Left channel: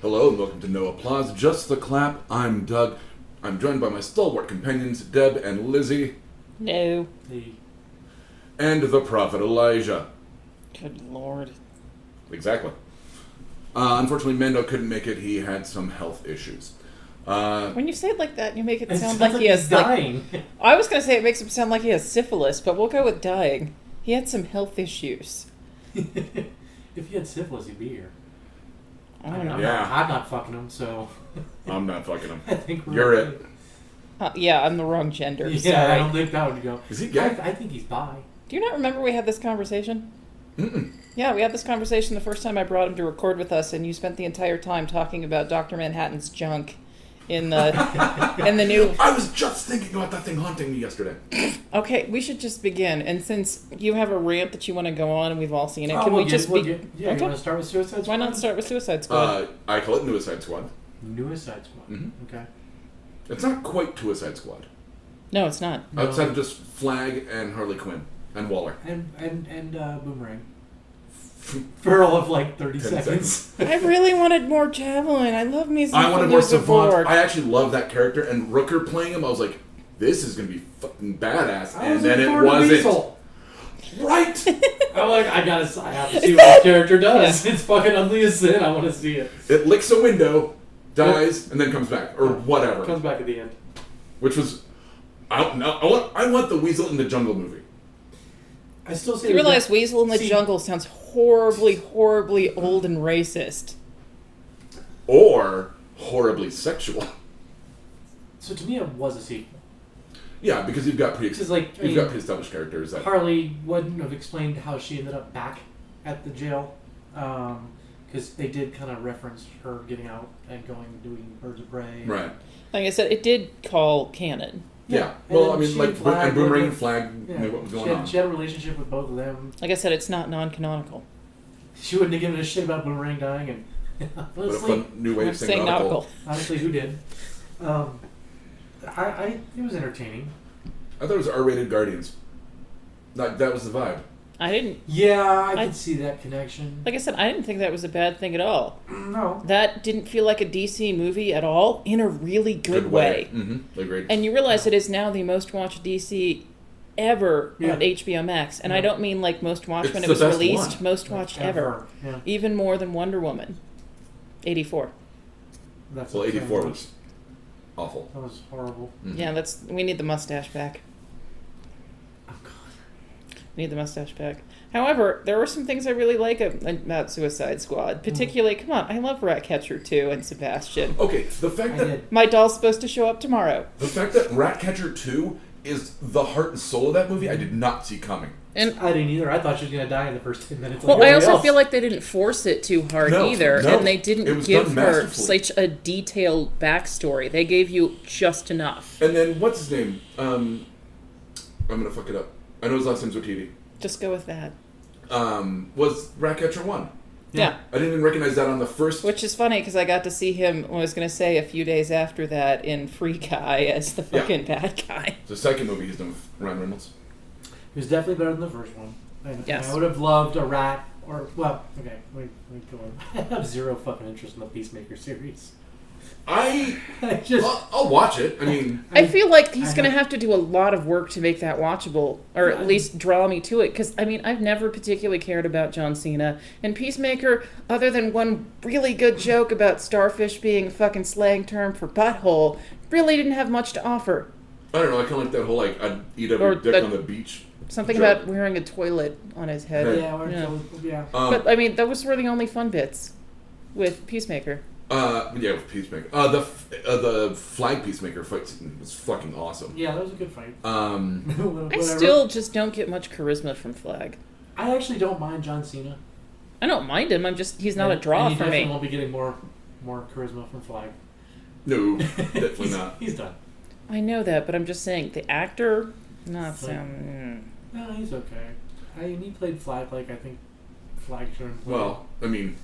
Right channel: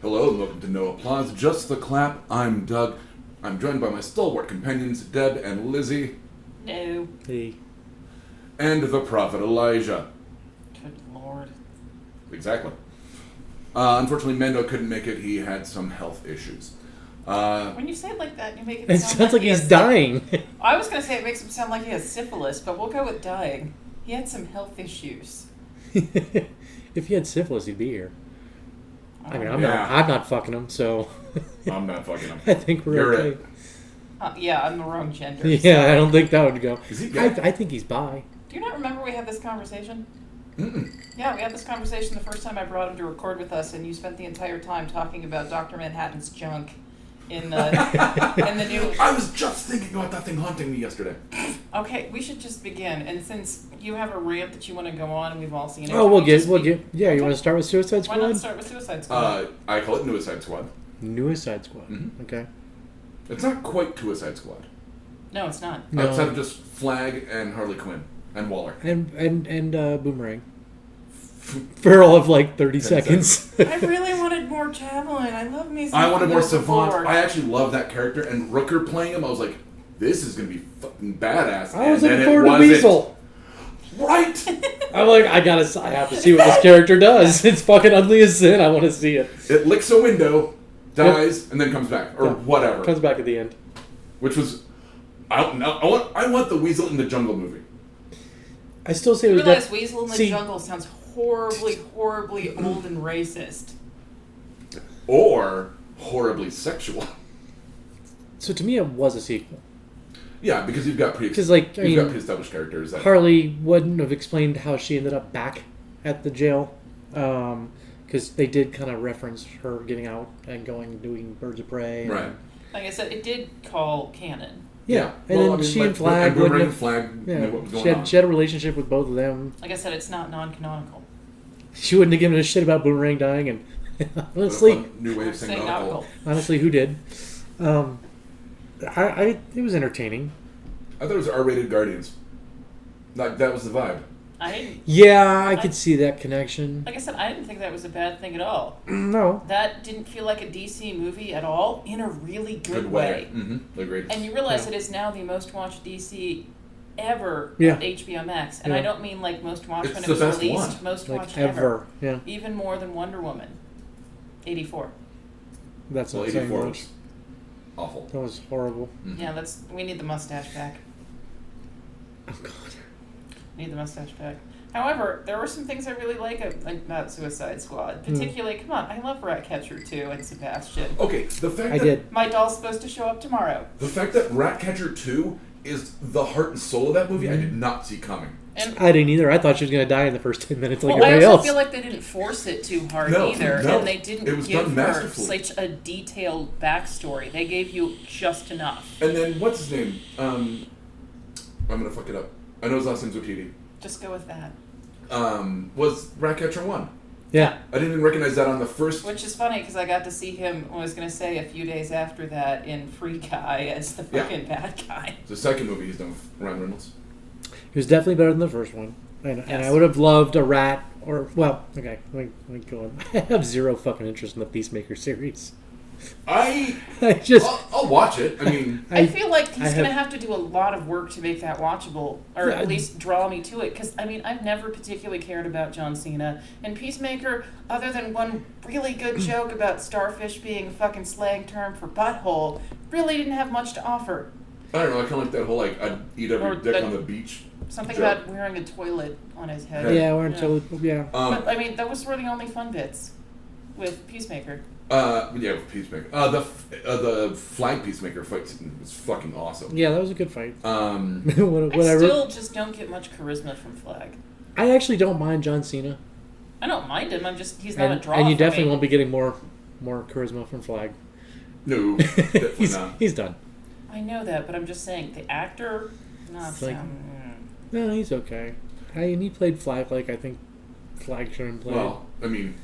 Hello and welcome to No Applause, Just the Clap. I'm Doug. I'm joined by my stalwart companions, Deb and Lizzie. No. Hey. And the Prophet Elijah. Good Lord. Exactly. Unfortunately, Mando couldn't make it. He had some health issues. When you say it like that, you make it It sound sounds like he he's has dying. I was going to say it makes him sound like he has syphilis, but we'll go with dying. He had some health issues. If he had syphilis, he'd be here. I mean, I'm Yeah. not fucking him, so I'm not fucking him. I think we're You're okay. it. Yeah, I'm the wrong gender. Yeah, sorry. I don't think that would go. Is he gay? I think he's bi. Do you not remember we had this conversation? Mm-mm. Yeah, we had this conversation the first time I brought him to record with us, and you spent the entire time talking about Dr. Manhattan's junk in the new... I was just thinking about that thing haunting me yesterday. Okay, we should just begin. And since you have a rant that you want to go on, and we've all seen it, Oh, can we'll we get. just We'll be- get. Yeah, you Okay. want to start with Suicide Why Squad? not start with Suicide Squad? I call it Suicide Squad. Suicide Squad. Mhm. Okay. It's not quite Suicide Squad. No, it's not. No. Outside of just Flag and Harley Quinn and Waller. And Boomerang. For all of like 30 10 seconds. I really wanted more Javelin. I love me some I wanted more Savant. Borg. I actually love that character, and Rooker playing him, I was like, this is going to be fucking badass. I was and then looking it forward to wasn't. Weasel. Right! I'm like, I have to see what this character does. It's fucking ugly as sin. I want to see it. It licks a window, dies, and then comes back. Or whatever. Comes back at the end. Which was... I want the Weasel in the Jungle movie. I still say You there's realize that- Weasel in the See- Jungle sounds horribly old and racist. Or horribly sexual. So to me, it was a sequel. Yeah, because you've got Because, like, I you've mean, got pre-established characters. That, Harley wouldn't have explained how she ended up back at the jail. Because they did kind of reference her getting out and going doing Birds of Prey. And, right. Like I said, it did call canon. Yeah. And Well, then I mean, she like, and Flag and Boomerang wouldn't and Flag have- knew what was she going had, on. She had a relationship with both of them. Like I said, it's not non-canonical. She wouldn't have given a shit about Boomerang dying. And What a honestly, fun new way of saying Saying nautical. honestly, who did? It was entertaining. I thought it was R-rated Guardians. Like, that was the vibe. I didn't... Yeah, I I- could see that connection. Like I said, I didn't think that was a bad thing at all. No. That didn't feel like a DC movie at all, in a really good way. Mm-hmm. Agreed. And you realize it is now the most watched DC ever Yeah. on HBO Max. And Yeah. I don't mean like most watched It's when it the was best released, one. most Like, watched ever. Yeah. Even more than Wonder Woman. 84. That's Well, what I'm saying. 84 was awful. That was horrible. Mhm. Yeah, we need the mustache back. Oh, God. We need the mustache back. However, there were some things I really like about Suicide Squad. Particularly, come on, I love Ratcatcher 2 and Sebastian. Okay, the fact I that did. My doll's supposed to show up tomorrow. Ratcatcher 2 is the heart and soul of that movie, I did not see coming. And I didn't either. I thought she was going to die in the first 10 minutes. Like well, I everybody also else. feel like they didn't force it too hard No, either, no. and they It didn't was give done her masterfully. such a detailed backstory. They gave you just enough. And then, what's his name? I'm gonna fuck it up. I know his last name's Otiti. Just go with that. Was Ratcatcher 1. Yeah. I didn't even recognize that on the first... Which is funny because I got to see him, I was going to say, a few days after that in Free Guy as the Yeah. fucking bad guy. The second movie he's done with Ryan Reynolds. He was definitely better than the first one. And Yes. I would have loved a rat or... Well, okay. Let me go on. I have zero fucking interest in the Peacemaker series. I just... I'll watch it. I mean... I feel like he's I going to have- have to do a lot of work to make that watchable, or Yeah. at least draw me to it. Because, I mean, I've never particularly cared about John Cena. And Peacemaker, other than one really good joke about starfish being a fucking slang term for butthole, really didn't have much to offer. I don't know, I kind of like that whole, like, I'd eat every Or dick that- on the beach. Something joke. about wearing a toilet on his head. Yeah, yeah. But, I mean, those were the only fun bits with Peacemaker. Yeah, with Peacemaker. The Flag Peacemaker fight scene was fucking awesome. Yeah, that was a good fight. Um, I still just don't get much charisma from Flag. I actually don't mind John Cena. I don't mind him. He's not a draw And you for definitely me. won't be getting more charisma from Flag. no, definitely he's, not. He's done. I know that, but I'm just saying the actor. Not It's like- sound. No, he's okay. And he played Flag like I think Flag should have played. Well, I mean,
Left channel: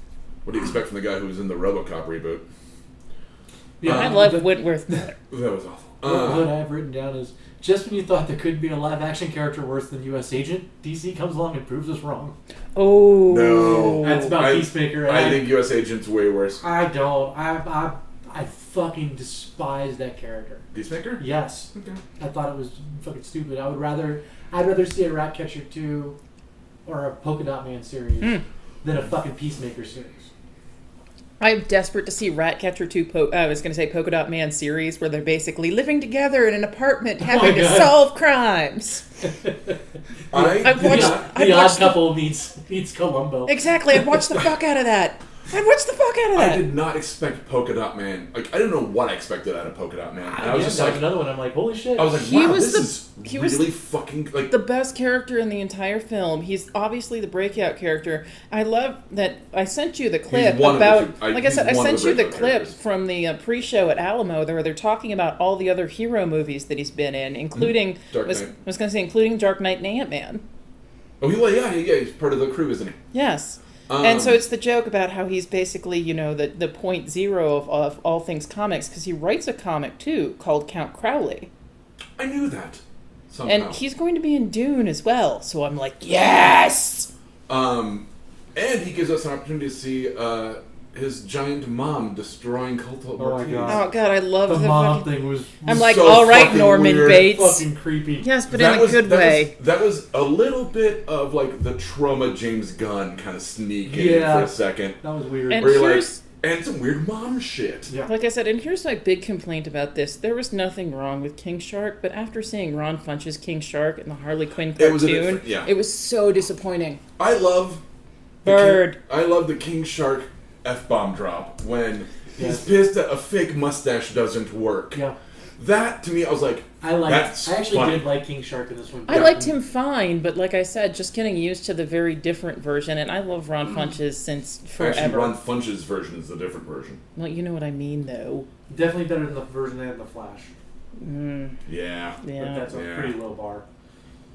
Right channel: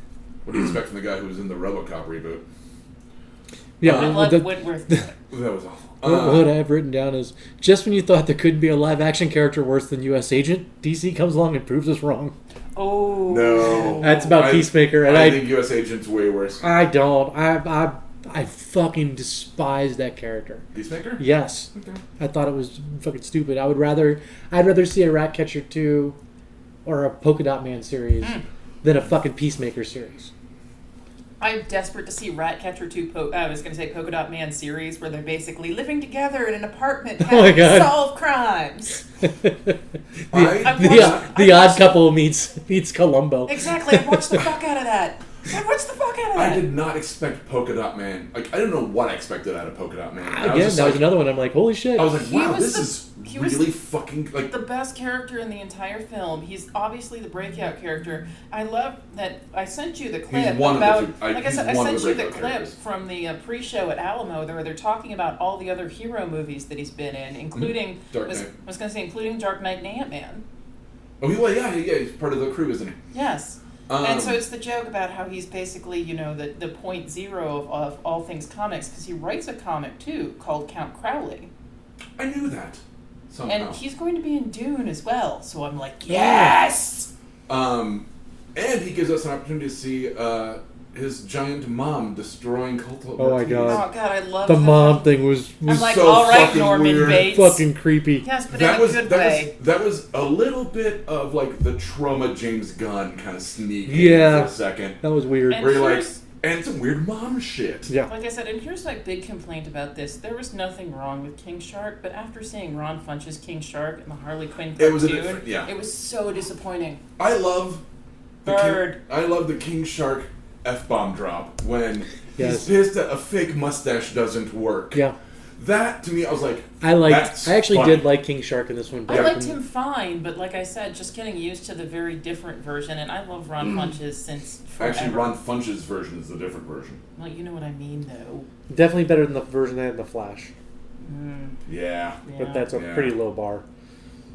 what do you expect from the guy who was in the RoboCop reboot? Yeah, I love Whitworth. That was awful. What I have written down is, just when you thought there could be a live-action character worse than U.S. Agent, DC comes along and proves us wrong. Oh. No. That's about Peacemaker. And I think U.S. Agent's way worse. I don't. I fucking despise that character. Peacemaker? Yes. Okay. I thought it was fucking stupid. I'd rather see a Ratcatcher 2 or a Polka Dot Man series than a fucking Peacemaker series. I'm desperate to see Ratcatcher 2, I was going to say Polka Dot Man series, where they're basically living together in an apartment having to solve crimes. The I'd Odd watch Couple meets Columbo. Exactly, I'd watch the fuck out of that. I'd watch the fuck out of that. I did not expect Polka Dot Man. Like, I didn't know what I expected out of Polka Dot Man. That was another one. I'm like, holy shit. I was like, wow, this is he really was fucking... like the best character in the entire film. He's obviously the breakout character. I love that I sent you the clip one of the about... two- like I said, I he's one of sent the you the breakout clip characters. from the pre-show at Alamo where they're talking about all the other hero movies that he's been in, including... Dark I Knight. was going to say, including Dark Knight and Ant-Man. Oh, yeah, he's part of the crew, isn't he? Yes. And so it's the joke about how he's basically, the point zero of all things comics, because he writes a comic, too, called Count Crowley. I knew that. Somehow. And he's going to be in Dune as well, so I'm like, yes! And he gives us an opportunity to see his giant mom destroying cultural Oh my God. Oh, God, I love The mom thing was I'm like, so all right, fucking Norman weird. Bates. fucking creepy. Yes, but in a good way. That was a little bit of like the trauma James Gunn kind of sneak in Yeah. for a second. That was weird. And Where you're like, here's- and some weird mom shit. Yeah. Like I said, and here's my big complaint about this. There was nothing wrong with King Shark, but after seeing Ron Funch's King Shark and the Harley Quinn cartoon, It was a different- yeah. it was so disappointing. I love Bird. I love the King Shark F-bomb drop when Yes. he's pissed that a fake mustache doesn't work. Yeah. That to me, I was like, I that's actually funny. did like King Shark in this one. I liked him fine, but like I said, just getting used to the very different version, and I love Ron Funch's since forever. Actually, Ron Funch's version is the different version. Well, you know what I mean, though. Definitely better than the version they had in The Flash. Yeah. But that's a Yeah. pretty low bar.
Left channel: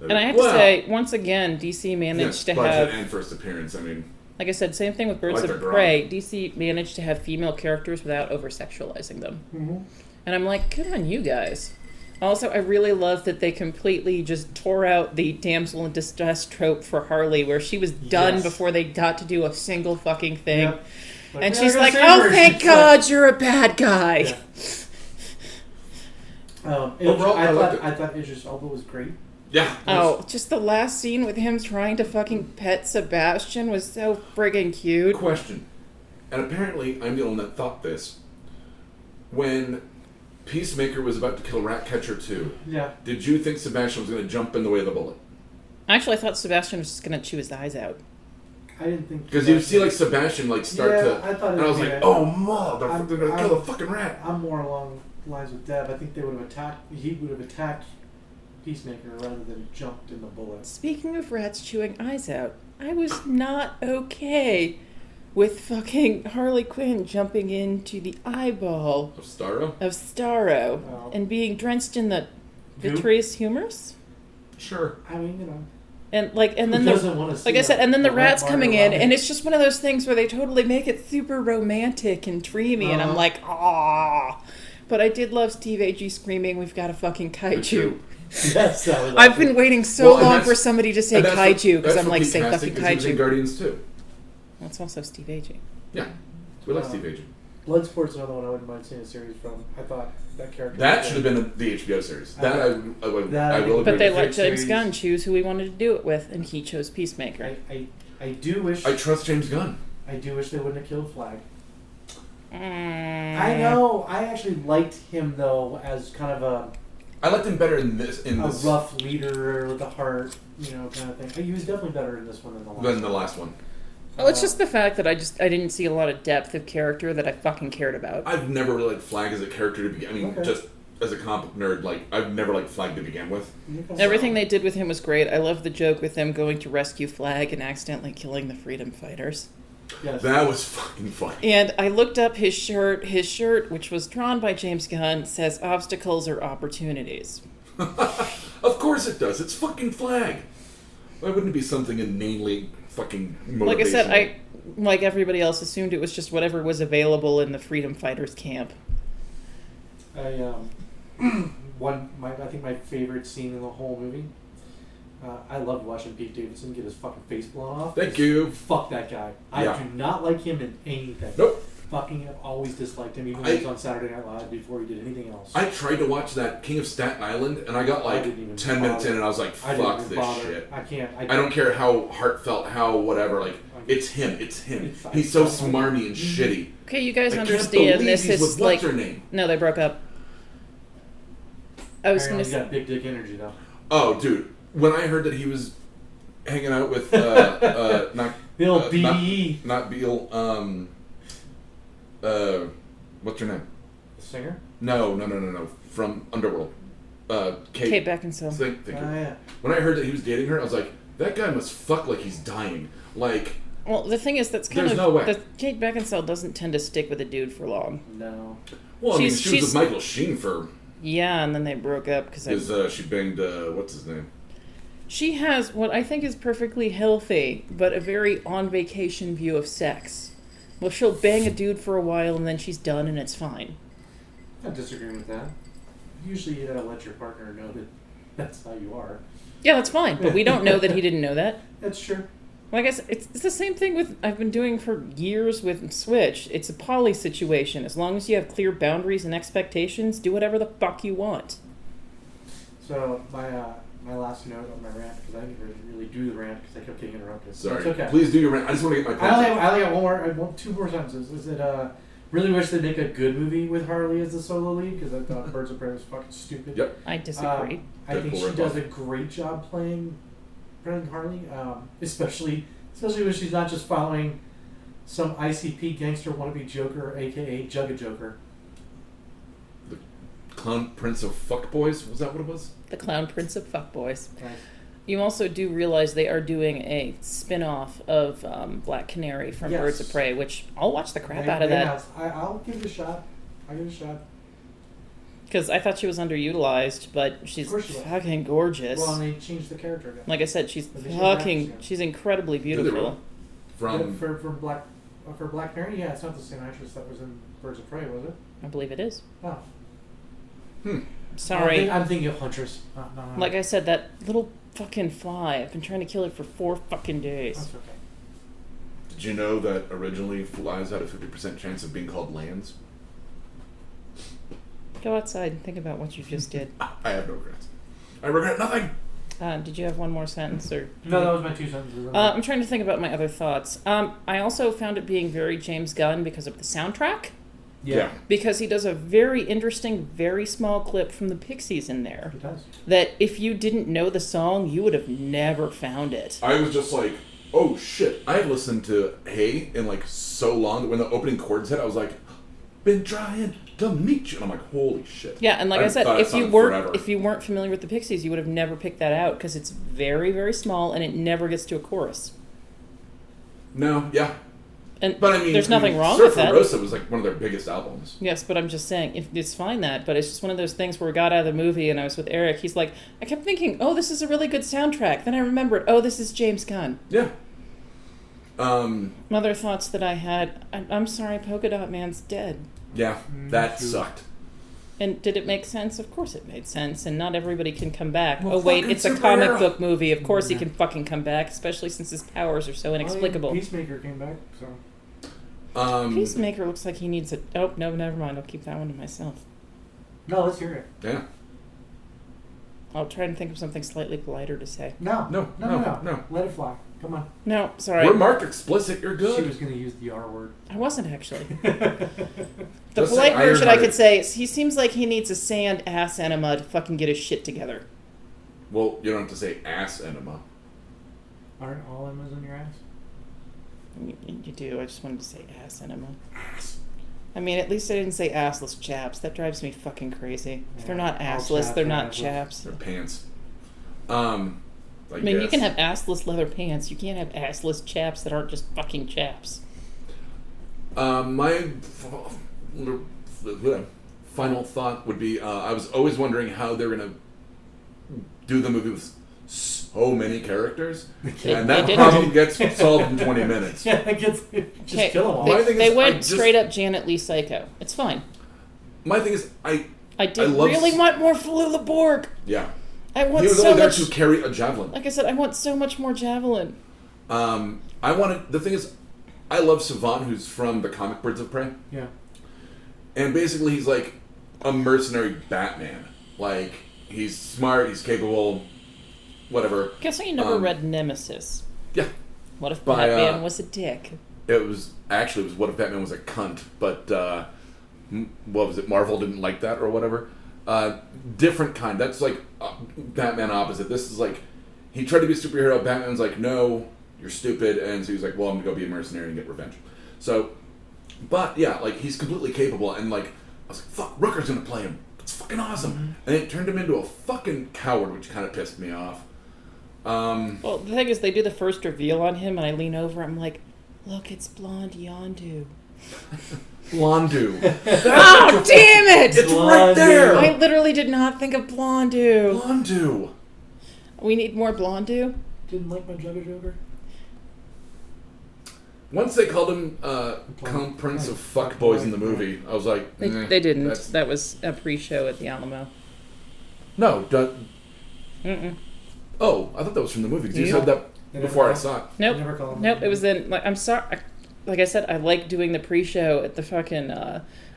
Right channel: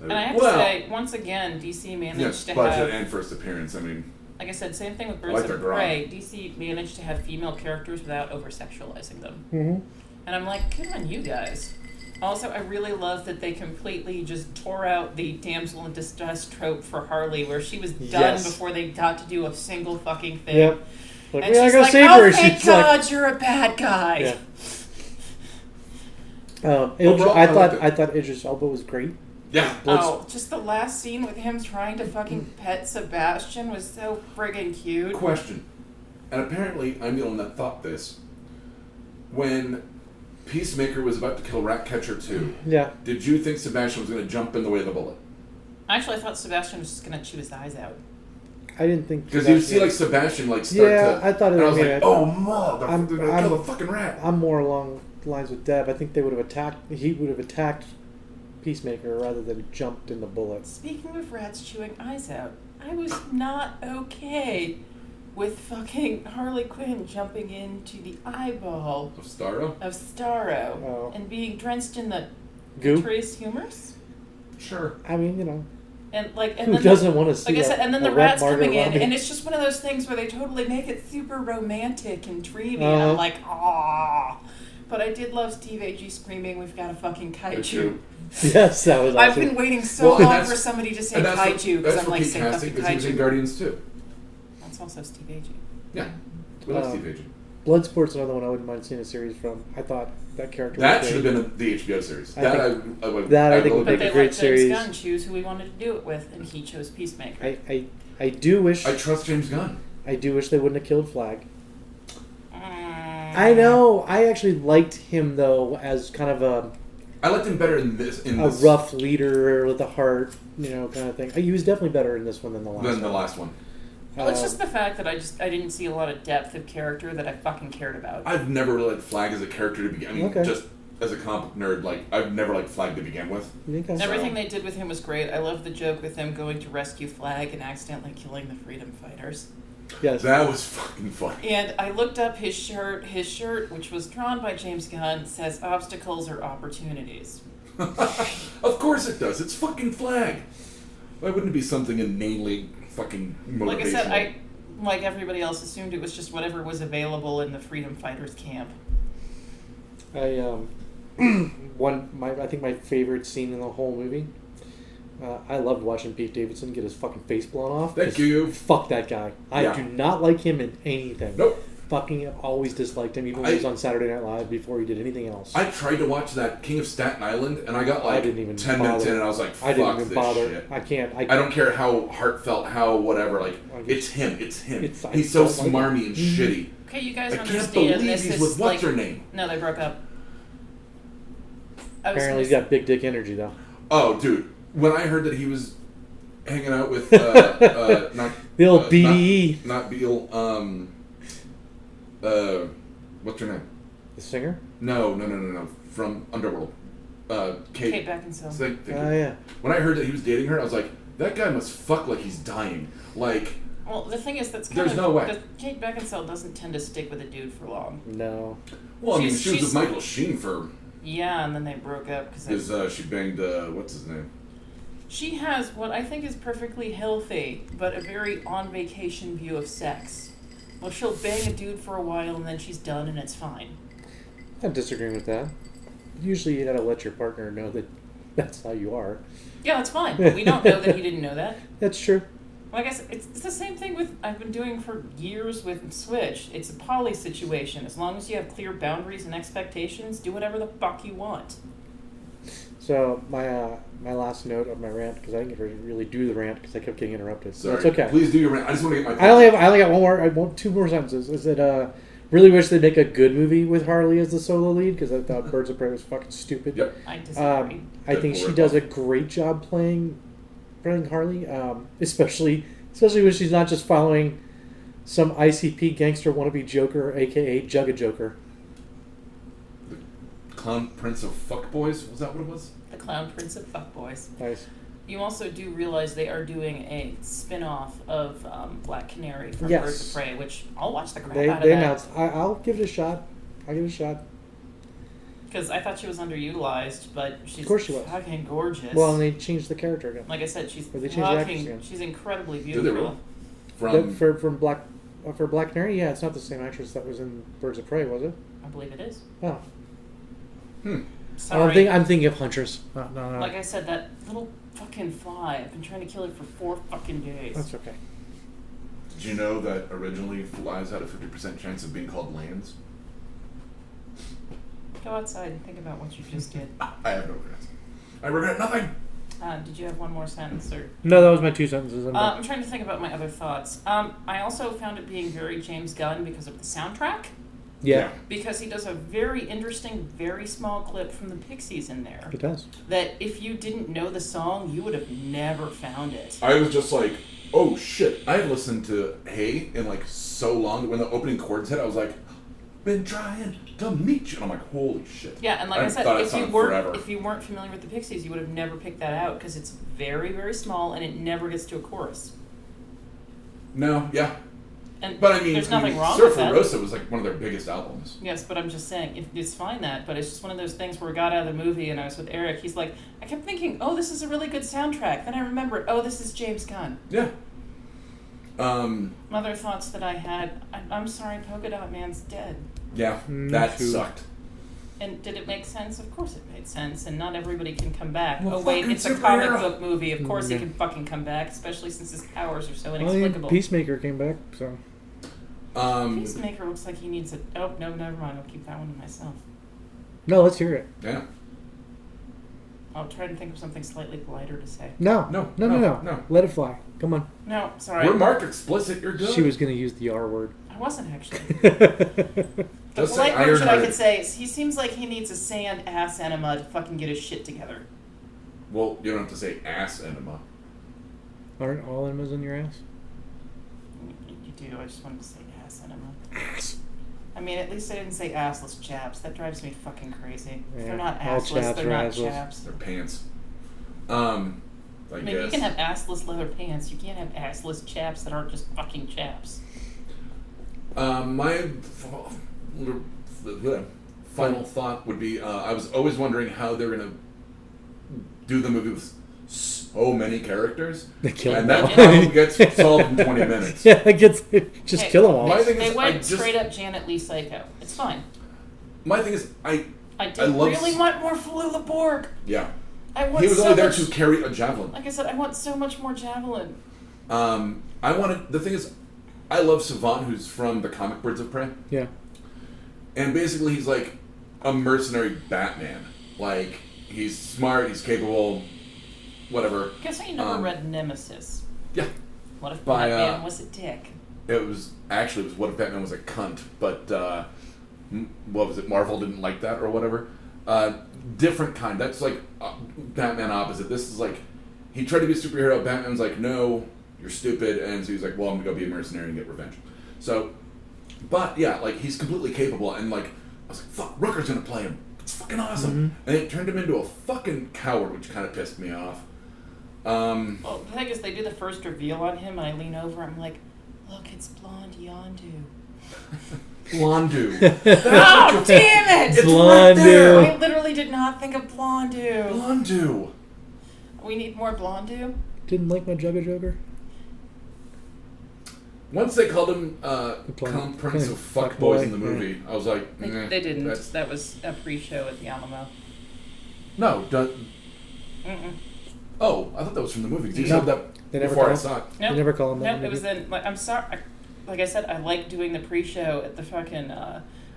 And I have to say, once again, DC managed yes, to budget have, and first appearance. I mean, like I said, same thing with Birds like of their grog. Prey. DC managed to have female characters without over-sexualizing them. Mm-hmm. And I'm like, good on you guys. Also, I really love that they completely just tore out the damsel in distress trope for Harley, where she was done Yes. before they got to do a single fucking thing. Yep. Like, And "Yeah, I she's gotta like, save oh, her." thank She's God you're a bad guy. Yeah. Overall, I liked it. I thought Idris Elba was great. yeah. Oh, just the last scene with him trying to fucking pet Sebastian was so friggin' cute. Question. And apparently, I'm the only one that thought this. When Peacemaker was about to kill Ratcatcher 2, Yeah. did you think Sebastian was going to jump in the way of the bullet? Actually, I thought Sebastian was just gonna chew his eyes out. I didn't think Because you see like Sebastian like start Yeah, to... I thought it and I was was like, gonna- oh, mother, they're going to I'm- kill the fucking rat. I'm more along the lines with Deb. I think they would have attacked. He would have attacked Peacemaker rather than jumped in the bullets. Speaking of rats chewing eyes out, I was not okay with fucking Harley Quinn jumping into the eyeball Of Starro? of Starro Oh. and being drenched in the Goop? vitreous humors. Sure. I mean, you know, And like, and who then doesn't want to see? like I said, and then a the red rats martyr coming in, around and it? it's just one of those things where they totally make it super romantic and dreamy, and I'm Uh-huh. like, ah. But I did love Steve Agee screaming, "We've got a fucking kaiju." Yes, that was. I've awesome. been waiting so Well, and long that's- for somebody to say And that's for- kaiju because that's I'm for like, Pete say Casting, fucking 'cause he was in kaiju. Guardians too. That's also Steve Agee. Yeah. We like Uh, Steve Agee. Bloodsport's another one I wouldn't mind seeing a series from. I thought that character. That was should have great. been the HBO series. I That I think- would. that I I think- will But agree. they great let James series. Gunn choose who he wanted to do it with, and he chose Peacemaker. I do wish. I trust James Gunn. I do wish they wouldn't have killed Flag. Mm. I know. I actually liked him though as kind of I liked him better in this. a rough leader with a heart, you know, kind of thing. He was definitely better in this one than the last. than the one. last one. Well, it's just the fact that I didn't see a lot of depth of character that I fucking cared about. I've never really liked Flag as a character to begin. I mean, Okay. just as a comic nerd, like I've never liked Flag to begin with. Okay. Everything they did with him was great. I love the joke with them going to rescue Flag and accidentally killing the freedom fighters. Yes. That was fucking funny. And I looked up his shirt. His shirt, which was drawn by James Gunn, says obstacles are opportunities. Of course it does. It's fucking Flag. Why wouldn't it be something inanely fucking motivational? Like I said, like everybody else, assumed it was just whatever was available in the freedom fighters camp. I think my favorite scene in the whole movie. I loved watching Pete Davidson get his fucking face blown off. Thank you. Fuck that guy. I do not like him in anything. Nope. Fucking have always disliked him, even when he was on Saturday Night Live before he did anything else. I tried to watch that King of Staten Island, and I got like 10 minutes in, and I was like, fuck this shit. I can't. I don't care how heartfelt, how whatever. Like, it's him. He's so smarmy and shitty. Okay, you guys I can't understand believe this he's is with like... what's her name? No, they broke up. Apparently he's got big dick energy, though. Oh, dude. When I heard that he was hanging out with, not... the old BDE. Not Beale, what's her name? The singer? No. From Underworld. Kate Beckinsale. Thank you. Yeah. When I heard that he was dating her, I was like, that guy must fuck like he's dying. Like... Well, the thing is, that's kind There's no way. Kate Beckinsale doesn't tend to stick with a dude for long. No. Well, I mean, she was with Michael Sheen for... Yeah, and then they broke up because... she banged, what's his name? She has what I think is perfectly healthy, but a very on-vacation view of sex. Well, she'll bang a dude for a while, and then she's done, and it's fine. I'm disagreeing with that. Usually you gotta let your partner know that that's how you are. Yeah, that's fine, but we don't know that he didn't know that. That's true. Well, I guess it's the same thing with I've been doing for years with Switch. It's a poly situation. As long as you have clear boundaries and expectations, do whatever the fuck you want. So my last note of my rant, because I didn't really do the rant because I kept getting interrupted. Sorry. It's okay. Please do your rant. I just want to get my point. I only got one more. I want two more sentences. Is that really wish they'd make a good movie with Harley as the solo lead, because I thought Birds of Prey was fucking stupid. Yep. I disagree. I think she does a great job playing Harley, especially when she's not just following some ICP gangster wannabe Joker, aka Jugga Joker. The Clown Prince of Fuckboys? Was that what it was? The Clown Prince of Fuckboys. Nice. You also do realize they are doing a spin-off of Black Canary from Birds of Prey, which I'll watch the crap out of that. Announced. I'll give it a shot. Because I thought she was underutilized, but she's fucking gorgeous. Well, and they changed the character again. Like I said, she's incredibly Did they beautiful. really? For Black Canary, yeah, it's not the same actress that was in Birds of Prey, was it? I believe it is. Oh. Sorry. I'm thinking of Huntress. No. Like I said, that little fucking fly. I've been trying to kill it for 4 fucking days. That's okay. Did you know that originally flies had a 50% chance of being called lands? Go outside and think about what you just did. I have no regrets. I regret nothing. Did you have one more sentence? Or No, that was my 2 sentences. I'm trying to think about my other thoughts. I also found it being very James Gunn because of the soundtrack. Yeah. Because he does a very interesting, very small clip from the Pixies in there. It does. That if you didn't know the song, you would have never found it. I was just like, oh shit. I had listened to Hey in like so long that when the opening chords hit, I was like, been trying to meet you. And I'm like, holy shit. Yeah, and like I said, if you weren't familiar with the Pixies, you would have never picked that out because it's very, very small and it never gets to a chorus. No, yeah. But I mean, there's nothing wrong with that. Surfer Rosa was like one of their biggest albums. Yes, but I'm just saying, it's fine but it's just one of those things where we got out of the movie and I was with Eric. He's like, I kept thinking, oh, this is a really good soundtrack. Then I remembered, oh, this is James Gunn. Yeah. Other thoughts that I had, I'm sorry, Polka Dot Man's dead. Yeah, that sucked. And did it make sense? Of course it made sense, and not everybody can come back. Well, oh wait, it's a comic book movie. Of course he Yeah. can fucking come back, especially since his powers are so inexplicable. Peacemaker came back, so... Peacemaker looks like he needs a... Oh, no, never mind. I'll keep that one to myself. No, let's hear it. Yeah. I'll try and think of something slightly politer to say. No. Let it fly. Come on. No, sorry. We're marked explicit. You're good. She was going to use the R word. I wasn't, actually. The polite version I could say is he seems like he needs a sand ass enema to fucking get his shit together. Well, you don't have to say ass enema. Aren't all enemas in your ass? You do. I just wanted to say ass enema. Ass. I mean, at least I didn't say assless chaps. That drives me fucking crazy. If they're not assless, they're not chaps. They're pants. I mean, you can have assless leather pants. You can't have assless chaps that aren't just fucking chaps. My final thought would be, I was always wondering how they're going to do the movie with so many characters, and that problem gets solved in 20 minutes. Yeah, it gets kill them all. They went straight up Janet Leigh Psycho. It's fine. My thing is, I really want more Falula Borg. Yeah. I want he was so only there much, to carry a javelin. Like I said, I want so much more javelin. The thing is, I love Savant, who's from the comic Birds of Prey. Yeah. And basically he's like a mercenary Batman. Like, he's smart, he's capable, whatever. Guess I never read Nemesis. Yeah. What if Batman was a dick? It was What If Batman Was a Cunt, but what was it? Marvel didn't like that or whatever. Different kind. That's like Batman opposite. This is like, he tried to be a superhero. Batman's like, no, you're stupid. And so he's like, well, I'm gonna go be a mercenary and get revenge. So, but yeah, like, he's completely capable. And like, I was like, fuck, Rooker's gonna play him. It's fucking awesome. Mm-hmm. And it turned him into a fucking coward, which kind of pissed me off. Well, the thing is, they do the first reveal on him, and I lean over, I'm like, look, it's Blonde Yondu. Blondu. Oh, damn it! It's right there! I literally did not think of Blondu. Blondu. We need more Blondu. Didn't like my Jugger Joker? Once they called him Prince of Fuckboys in the movie, I was like, They didn't. That was a pre-show at the Alamo. No. Oh, I thought that was from the movie. Because you said that before I saw it. Nope. They never call him that. Nope, it was in... Like, I'm sorry. Like I said, I like doing the pre-show at the fucking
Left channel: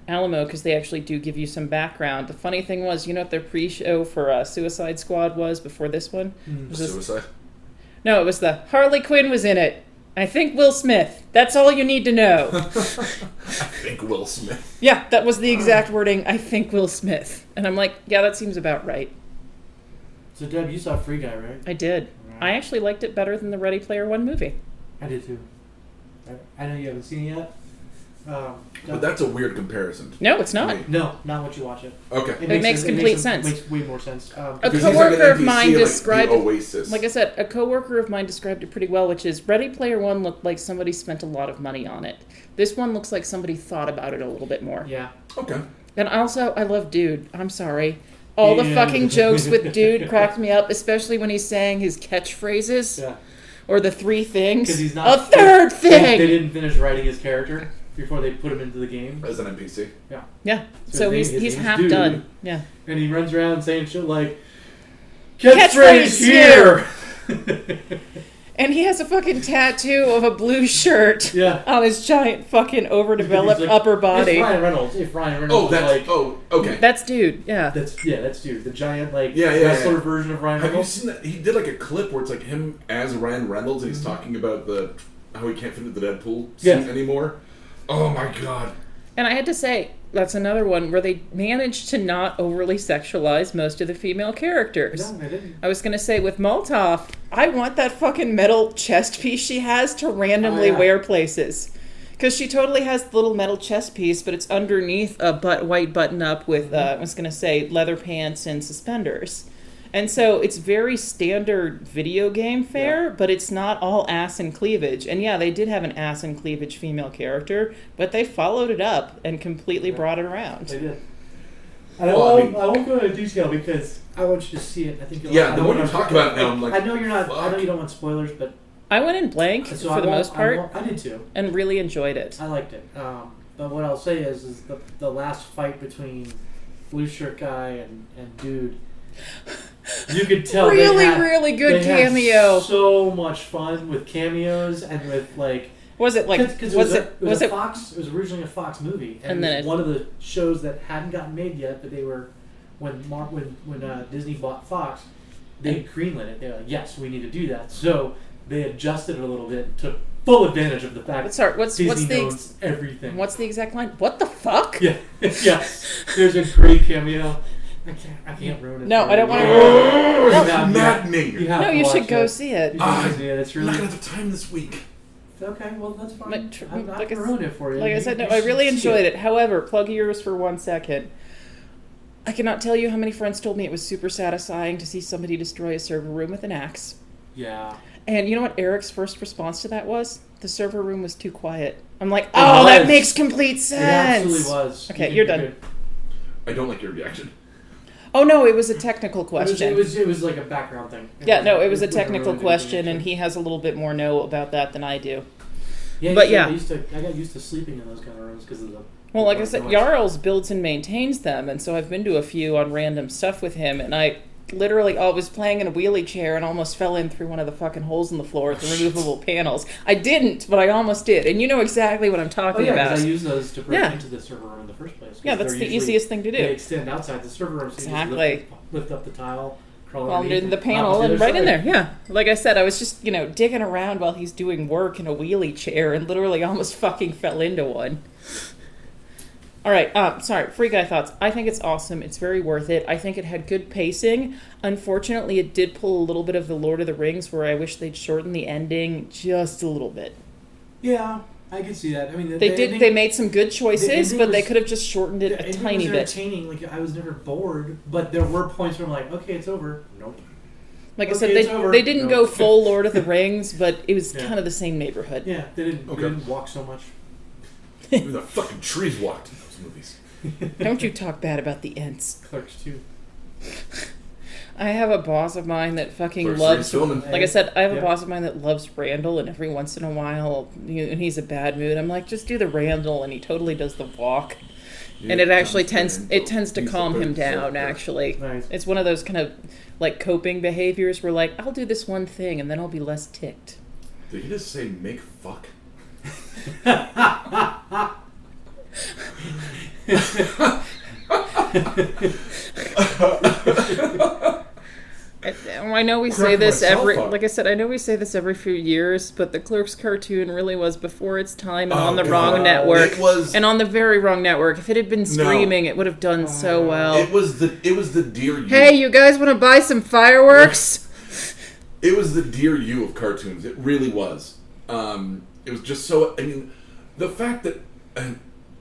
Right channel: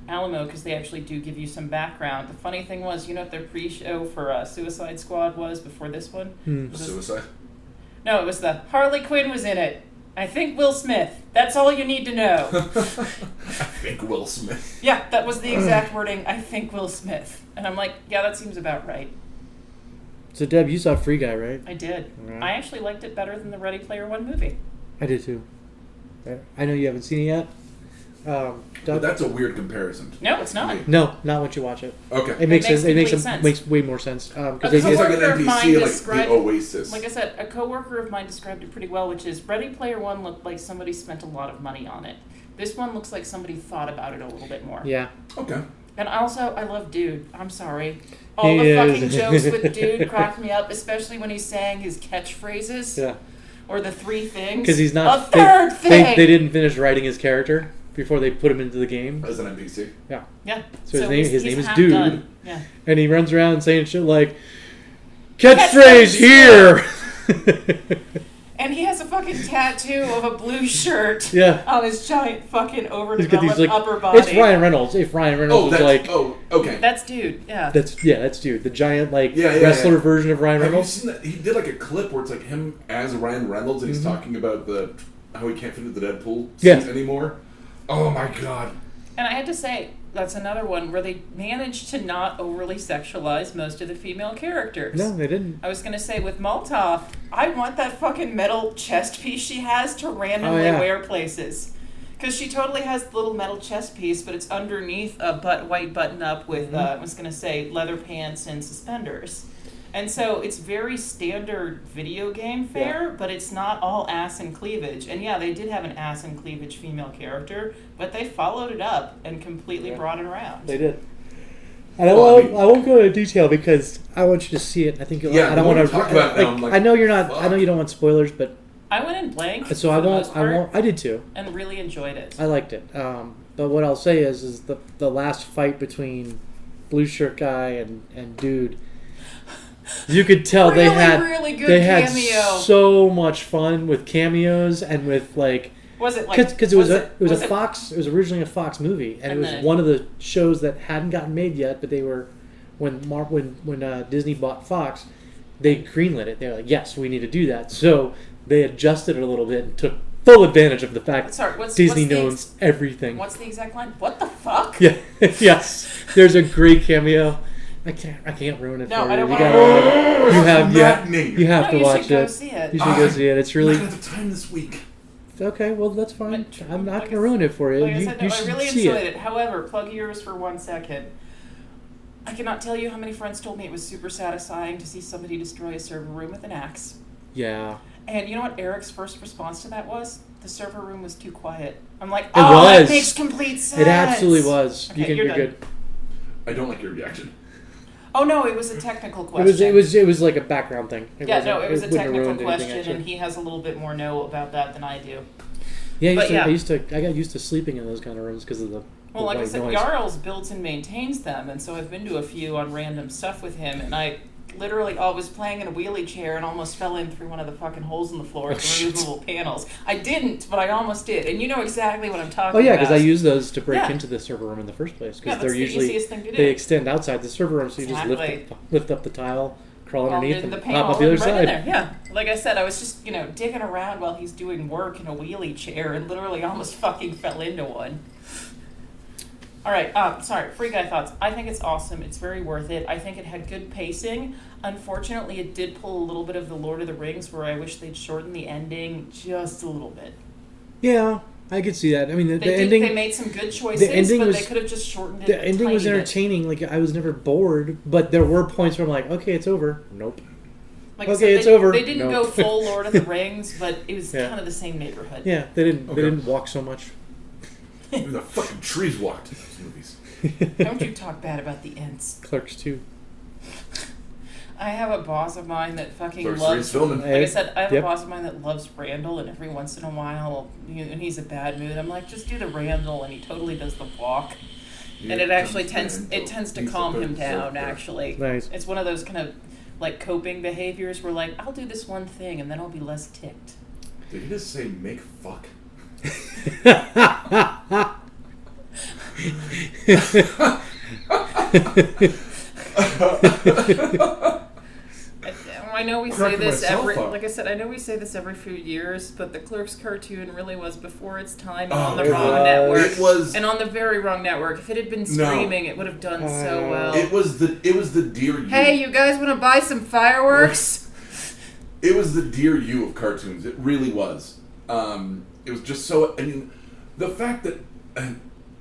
Alamo because they actually do give you some background. The funny thing was, you know what their pre-show for Suicide Squad was before this one? Suicide? No, it was the Harley Quinn was in it. I think Will Smith. That's all you need to know. I think Will Smith. Yeah, that was the exact wording. I think Will Smith. And I'm like, yeah, that seems about right. So, Deb, you saw Free Guy, right? I did. Right. I actually liked it better than the Ready Player One movie. I did too. I know you haven't seen it yet. But that's a weird comparison. No, it's not. No, not once you watch it. Okay. It makes complete sense. It makes way more sense. Because he's like an NPC, like the Oasis. Like I said, a coworker of mine described it pretty well, which is Ready Player One looked like somebody spent a lot of money on it. This one looks like somebody thought about it a little bit more. Yeah. Okay. And also, I love Dude. I'm sorry. All the fucking jokes with Dude cracked me up, especially when he's saying his catchphrases. Yeah. Or the three things. Because he's not... A third thing! They didn't finish writing his character before they put him into the game. As an NPC. Yeah. Yeah. So his name he's is half Dude. Done. Yeah. And he runs around saying shit like, catchphrase here! And he has a fucking tattoo of a blue shirt on his giant fucking overdeveloped upper body. It's Ryan Reynolds. If Ryan Reynolds okay. That's Dude, yeah. That's Dude. The giant, wrestler version of Ryan Reynolds. Have you seen that? He did like a clip where it's like him as Ryan Reynolds and he's talking about how he can't fit into the Deadpool suit anymore. Oh my god. And I had to say, that's another one where they managed to not overly sexualize most of the female characters. No, they didn't. I was going to say, with Molotov, I want that fucking metal chest piece she has to randomly wear places. Because she totally has the little metal chest piece, but it's underneath a white button-up with, I was going to say, leather pants and suspenders. And so it's very standard video game fare, but it's not all ass and cleavage. And yeah, they did have an ass and cleavage female character, but they followed it up and completely brought it around. They did. And I won't go into detail because I want you to see it. I think you'll. Yeah, I don't want to talk about it now. I know you're not. I know you don't want spoilers, but I went in blank so for the most part. I did too, and really enjoyed it. I liked it. But what I'll say is the last fight between Blue Shirt Guy and Dude. You could tell really, they had really good cameo. Had so much fun with cameos and with like. Was it like? Because it was a Fox. It was originally a Fox movie, and it was one of the shows that hadn't gotten made yet. But they were when Disney bought Fox, they greenlit it. They were like, "Yes, we need to do that." So they adjusted it a little bit and took full advantage of the fact that Disney knows everything. What's the exact line? What the fuck? Yeah, yes. There's a great cameo. I can't ruin it. No, for I don't you. want to. You have to watch it. You should go see it. You should go see it. It's really. I'm not gonna have time this week. Okay, well that's fine. I'm not gonna ruin it for you. Like I said, I really enjoyed it. However, plug yours for 1 second. I cannot tell you how many friends told me it was super satisfying to see somebody destroy a server room with an axe. Yeah. And you know what Eric's first response to that was? The server room was too quiet. I'm like, that makes complete sense. It absolutely was. Okay, you're done. Good. I don't like your reaction. Oh no, it was a technical question. It was like a background thing. It was a technical question, and he has a little bit more know about that than I do. Yeah, I got used to sleeping in those kind of rooms because of Well, like I said, Jarl's builds and maintains them, and so I've been to a few on random stuff with him, and I literally was playing in a wheelie chair and almost fell in through one of the fucking holes in the floor with the removable panels. I didn't, but I almost did, and you know exactly what I'm talking about. Oh yeah, because I use those to break into the server room in the first place. Yeah, that's the easiest thing to do. They extend outside the server room, so you just lift up the tile, crawl underneath the panel, and right in there. Yeah, like I said, I was just digging around while he's doing work in a wheelie chair, and literally almost fucking fell into one. All right, sorry, Free Guy Thoughts. I think it's awesome. It's very worth it. I think it had good pacing. Unfortunately, it did pull a little bit of the Lord of the Rings, where I wish they'd shortened the ending just a little bit. Yeah, I could see that. I mean, they made some good choices, but they could have just shortened it a tiny bit. The ending was entertaining. Like, I was never bored, but there were points where I'm like, okay, it's over. Nope. Like I said, they didn't go full Lord of the Rings, but it was kind of the same neighborhood. Yeah, they didn't walk so much. The fucking trees walked in those movies. Don't you talk bad about the Ents. Clerks 2. I have a boss of mine that fucking loves... Like I said, I have a boss of mine that loves Randall, and every once in a while, when he's in a bad mood, I'm like, just do the Randall, and he totally does the walk. And it actually tends to calm him down, actually. Nice. It's one of those kind of, like, coping behaviors where, like, I'll do this one thing, and then I'll be less ticked. Did you just say make fuck? I know we say this like I said, I know we say this every few years, but the Clerks cartoon really was before its time and on the wrong network. And on the very wrong network. If it had been streaming, it would have done so well. It was the Dear You. Hey, you guys want to buy some fireworks? It was the Dear You of cartoons. It really was. It was just so... I mean, the fact that...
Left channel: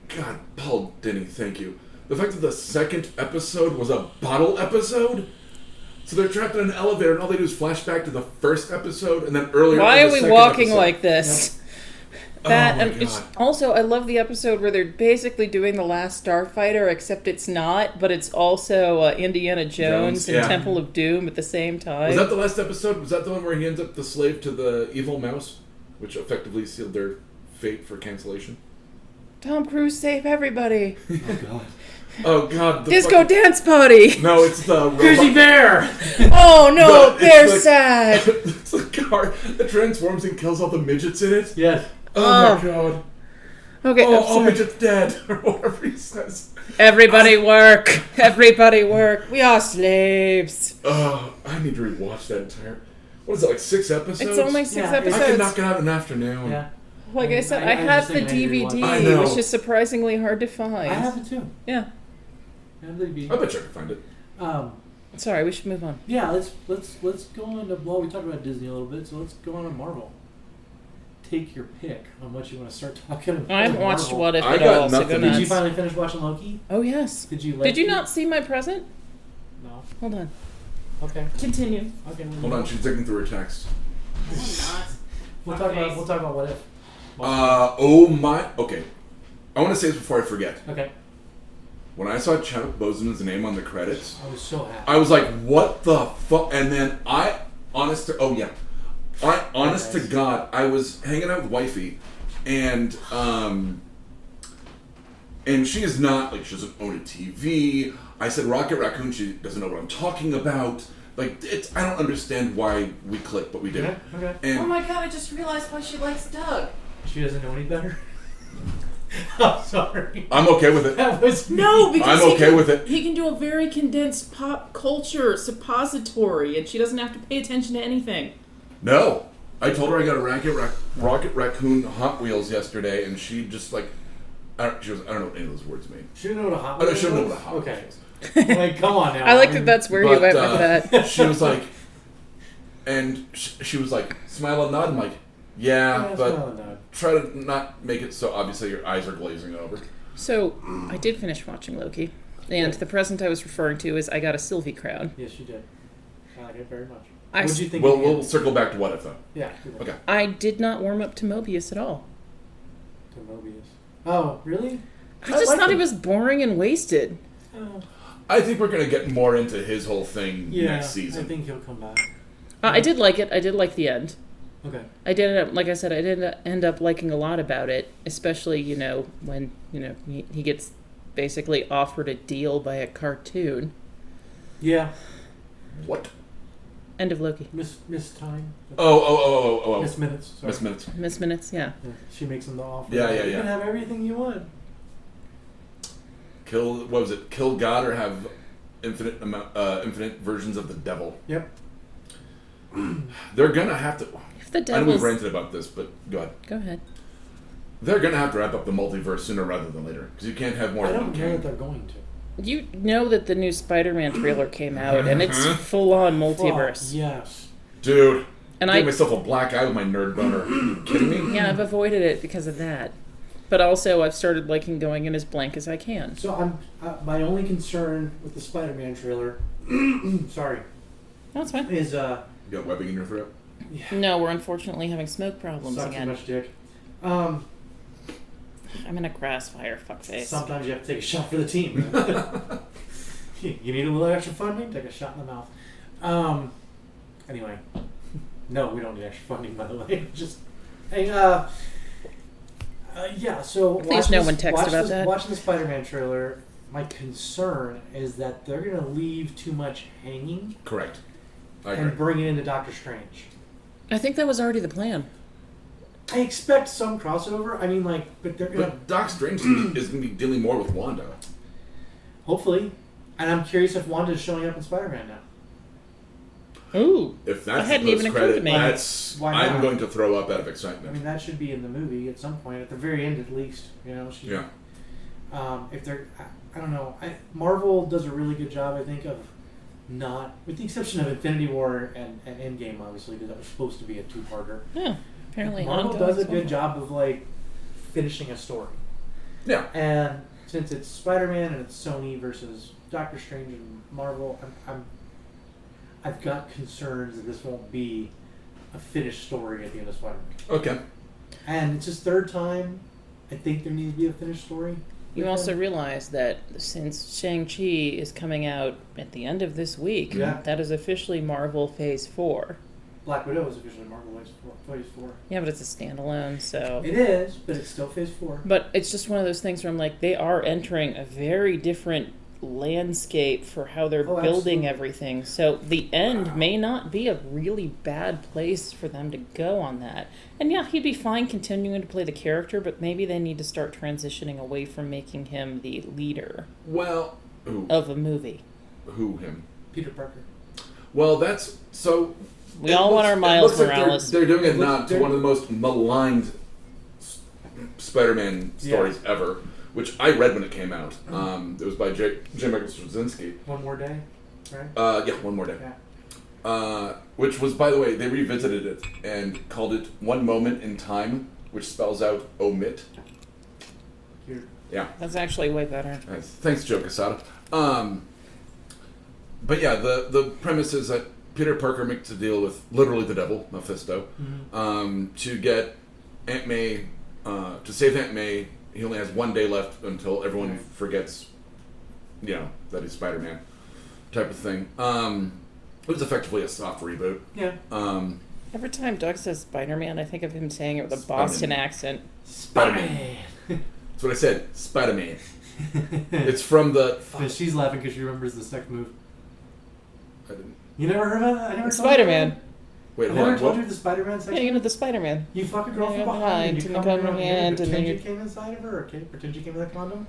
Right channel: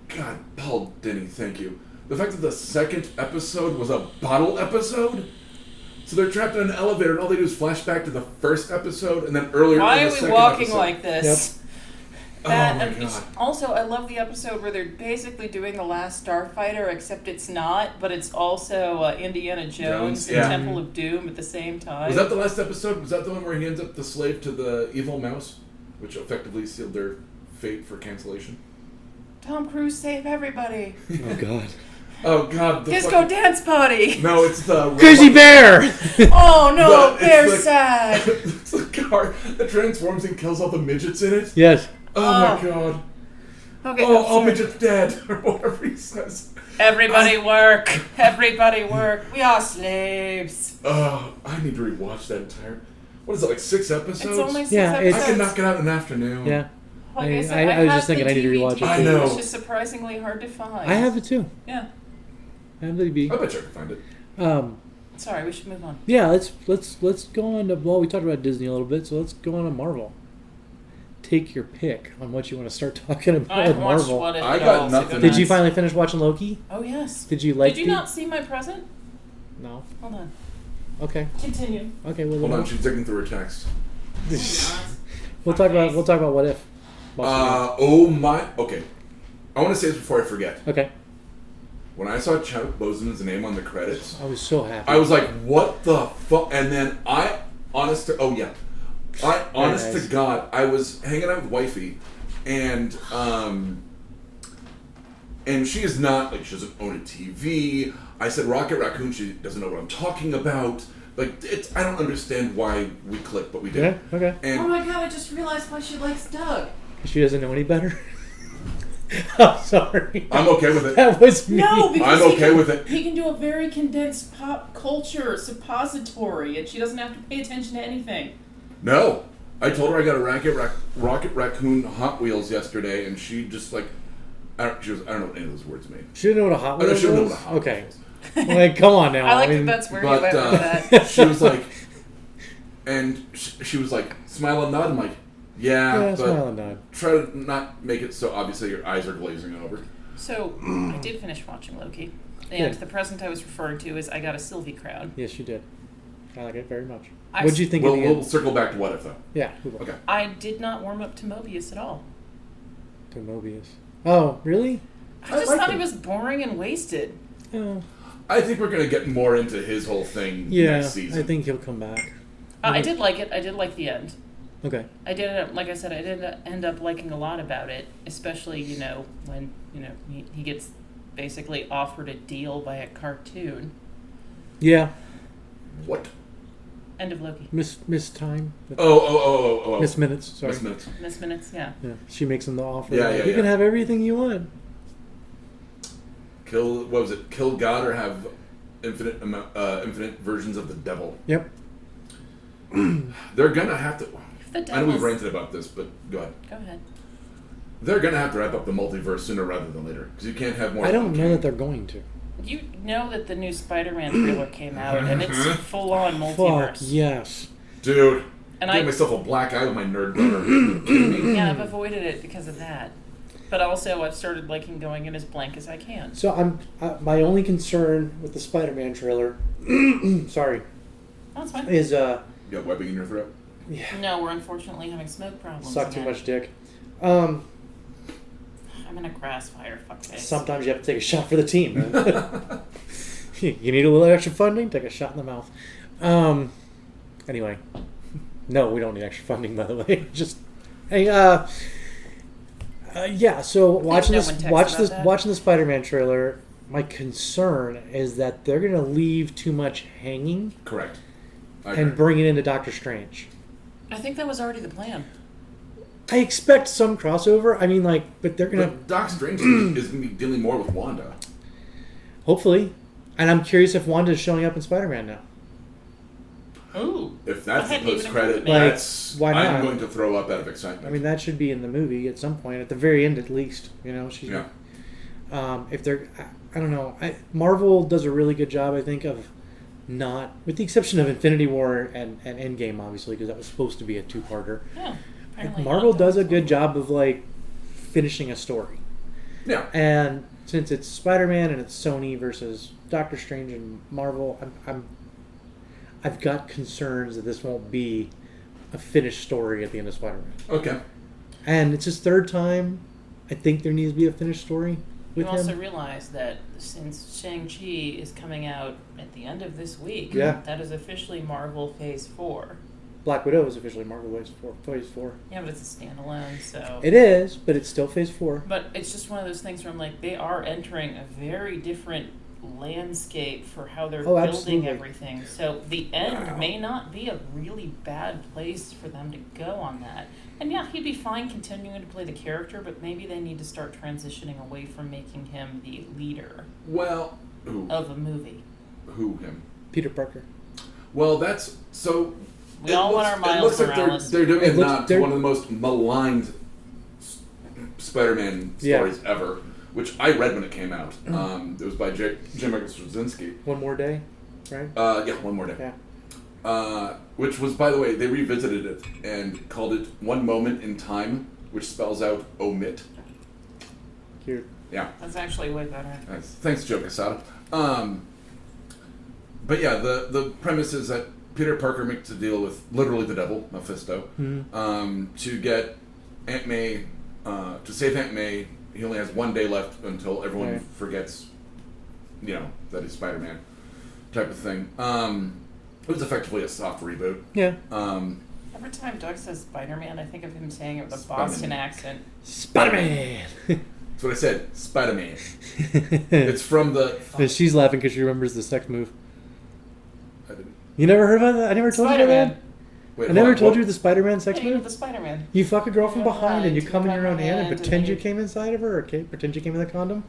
God, Paul Denny, thank you. The fact that the second episode was a bottle episode... So they're trapped in an elevator, and all they do is flash back to the first episode, and then earlier. Why in are the we second walking episode. like this? Yep. Oh my God. Also, I love the episode where they're basically doing The Last Starfighter, except it's not, but it's also Indiana Jones and Temple of Doom at the same time. Was that the last episode? Was that the one where he ends up the slave to the evil mouse, which effectively sealed their fate for cancellation? Tom Cruise, save everybody! Oh God. Oh God! Disco dance party! No, it's the Grizzly Bear! Oh no, Bear's sad! It's the car that transforms and kills all the midgets in it? Yes. Oh my God. Okay. All midgets dead, or whatever he says. Everybody work! Everybody work! We are slaves! Oh, I need to rewatch that entire... What is it, like 6 episodes? It's only 6 episodes. I can knock it out in an afternoon. Yeah. Like I said, I have the DVD, which is surprisingly hard to find. I have it too. Yeah. I have the DVD. I bet you I can find it. Sorry, we should move on. Yeah, let's go on to... Well, we talked about Disney a little bit, so let's go on to Marvel. Take your pick on what you want to start talking about. I haven't watched What If I at got all, nothing. So Did you finally finish watching Loki? Oh, yes. Did you like Did you not see my present? No. Hold on. Okay. Continue. Okay, well, hold on, she's digging through her text. We'll talk about What If. Okay. I want to say this before I forget. Okay. When I saw Chadwick Boseman's name on the credits, I was so happy. I was like, "What the fuck?" And then honest to God, I was hanging out with wifey, and she is not like, she doesn't own a TV. I said Rocket Raccoon. She doesn't know what I'm talking about. Like, I don't understand why we clicked, but we did. Yeah, okay. And, oh my God! I just realized why she likes Doug. She doesn't know any better. I'm sorry. I'm okay with it. That was me. No, because I'm okay with it. He can do a very condensed pop culture suppository, and she doesn't have to pay attention to anything. No. I told her I got a Rocket Raccoon Hot Wheels yesterday, and she just like... I don't know what any of those words mean. She didn't know what a Hot Wheels was? She didn't know what a Hot Wheels was. Like, come on now. I like that that's where you went with that. She was like... And she was like, smile and nod. I'm like, yeah, but try to not make it so obviously your eyes are glazing over. So, I did finish watching Loki. And the present I was referring to is I got a Sylvie crown. Yes, you did. I like it very much. What did you think of the We'll circle back to What If, though. Yeah. Okay. I did not warm up to Mobius at all. To Mobius. Oh, really? I just thought he was boring and wasted. Oh. I think we're going to get more into his whole thing next season. I think he'll come back. I did like it. I did like the end. Okay. I did, like I said, I did end up liking a lot about it, especially, when, he gets basically offered a deal by a cartoon. Yeah. What? End of Loki. Miss Time. Oh. Miss Minutes. Sorry. Miss Minutes, yeah. She makes him the offer. Yeah. You can have everything you want. Kill God or have infinite versions of the devil. Yep. They're gonna have to. I know we've ranted about this, but go ahead. Go ahead. They're gonna have to wrap up the multiverse sooner rather than later because you can't have more. I don't know that they're going to. You know that the new Spider-Man trailer came out, and it's full-on multiverse. Fuck, yes. Dude. And I gave myself a black eye with my nerd boner. Are you kidding me? Yeah, I've avoided it because of that. But also, I've started liking going in as blank as I can. So my only concern with the Spider-Man trailer, sorry, That's fine. is You got webbing in your throat? Yeah. No, we're unfortunately having smoke problems Suck again. too much dick. I'm in a grass fire, fuckface. Sometimes you have to take a shot for the team. Right? You need a little extra funding? Take a shot in the mouth. Anyway. No, we don't need extra funding, by the way. Just, hey, yeah, so watching the Spider-Man trailer, my concern is that they're going to leave too much hanging. Correct. And bring it into Doctor Strange. I think that was already the plan. I expect some crossover. I mean, but they're going to... But Doc Strange is going to be dealing more with Wanda. Hopefully. And I'm curious if Wanda's showing up in Spider-Man now. Ooh. If that's the post-credit, why not? I'm going to throw up out of excitement. I mean, that should be in the movie at some point, at the very end at least. She's... Yeah. If they're... I don't know. Marvel does a really good job, I think, of not... With the exception of Infinity War and Endgame, obviously, because that was supposed to be a two-parter. Yeah. Apparently Marvel does a good job of, finishing a story. Yeah. And since it's Spider-Man and it's Sony versus Doctor Strange and Marvel, I've got concerns that this won't be a finished story at the end of Spider-Man. Okay. And it's his third time. I think there needs to be a finished story. You also realize that since Shang-Chi is coming out at the end of this week, that is officially Marvel Phase 4. Black Widow is officially Marvel Phase 4. Yeah, but it's a standalone, so... It is, but it's still Phase 4. But it's just one of those things where I'm like, they are entering a very different landscape for how they're building everything. So the end may not be a really bad place for them to go on that. And yeah, he'd be fine continuing to play the character, but maybe they need to start transitioning away from making him the leader of a movie. Who, him? Peter Parker. Well, that's... So... We all want our Miles Morales. They're doing it not to one of the most maligned Spider-Man stories ever, which I read when it came out. It was by J. Michael Straczynski. One More Day, right? Yeah, One More Day. Yeah. Which was, by the way, they revisited it and called it One Moment in Time, which spells out omit. Cute. Yeah. That's actually way better. Nice. Thanks, Joe Quesada. But yeah, the premise is that Peter Parker makes a deal with literally the devil, Mephisto, to get Aunt May, to save Aunt May. He only has one day left until everyone forgets, that he's Spider-Man, type of thing. It was effectively a soft reboot. Yeah. Every time Doug says Spider-Man, I think of him saying it with a Boston accent. Spider-Man! That's what I said, Spider-Man. It's from the... She's laughing because she remembers the sex move. I didn't. You never heard about that? I never told Spider-Man. you that? Wait, I never told you the Spider-Man sex move? move? You know the Spider-Man. You fuck a girl from behind and you come in your own hand and pretend you you came inside of her, or pretend you came in the condom,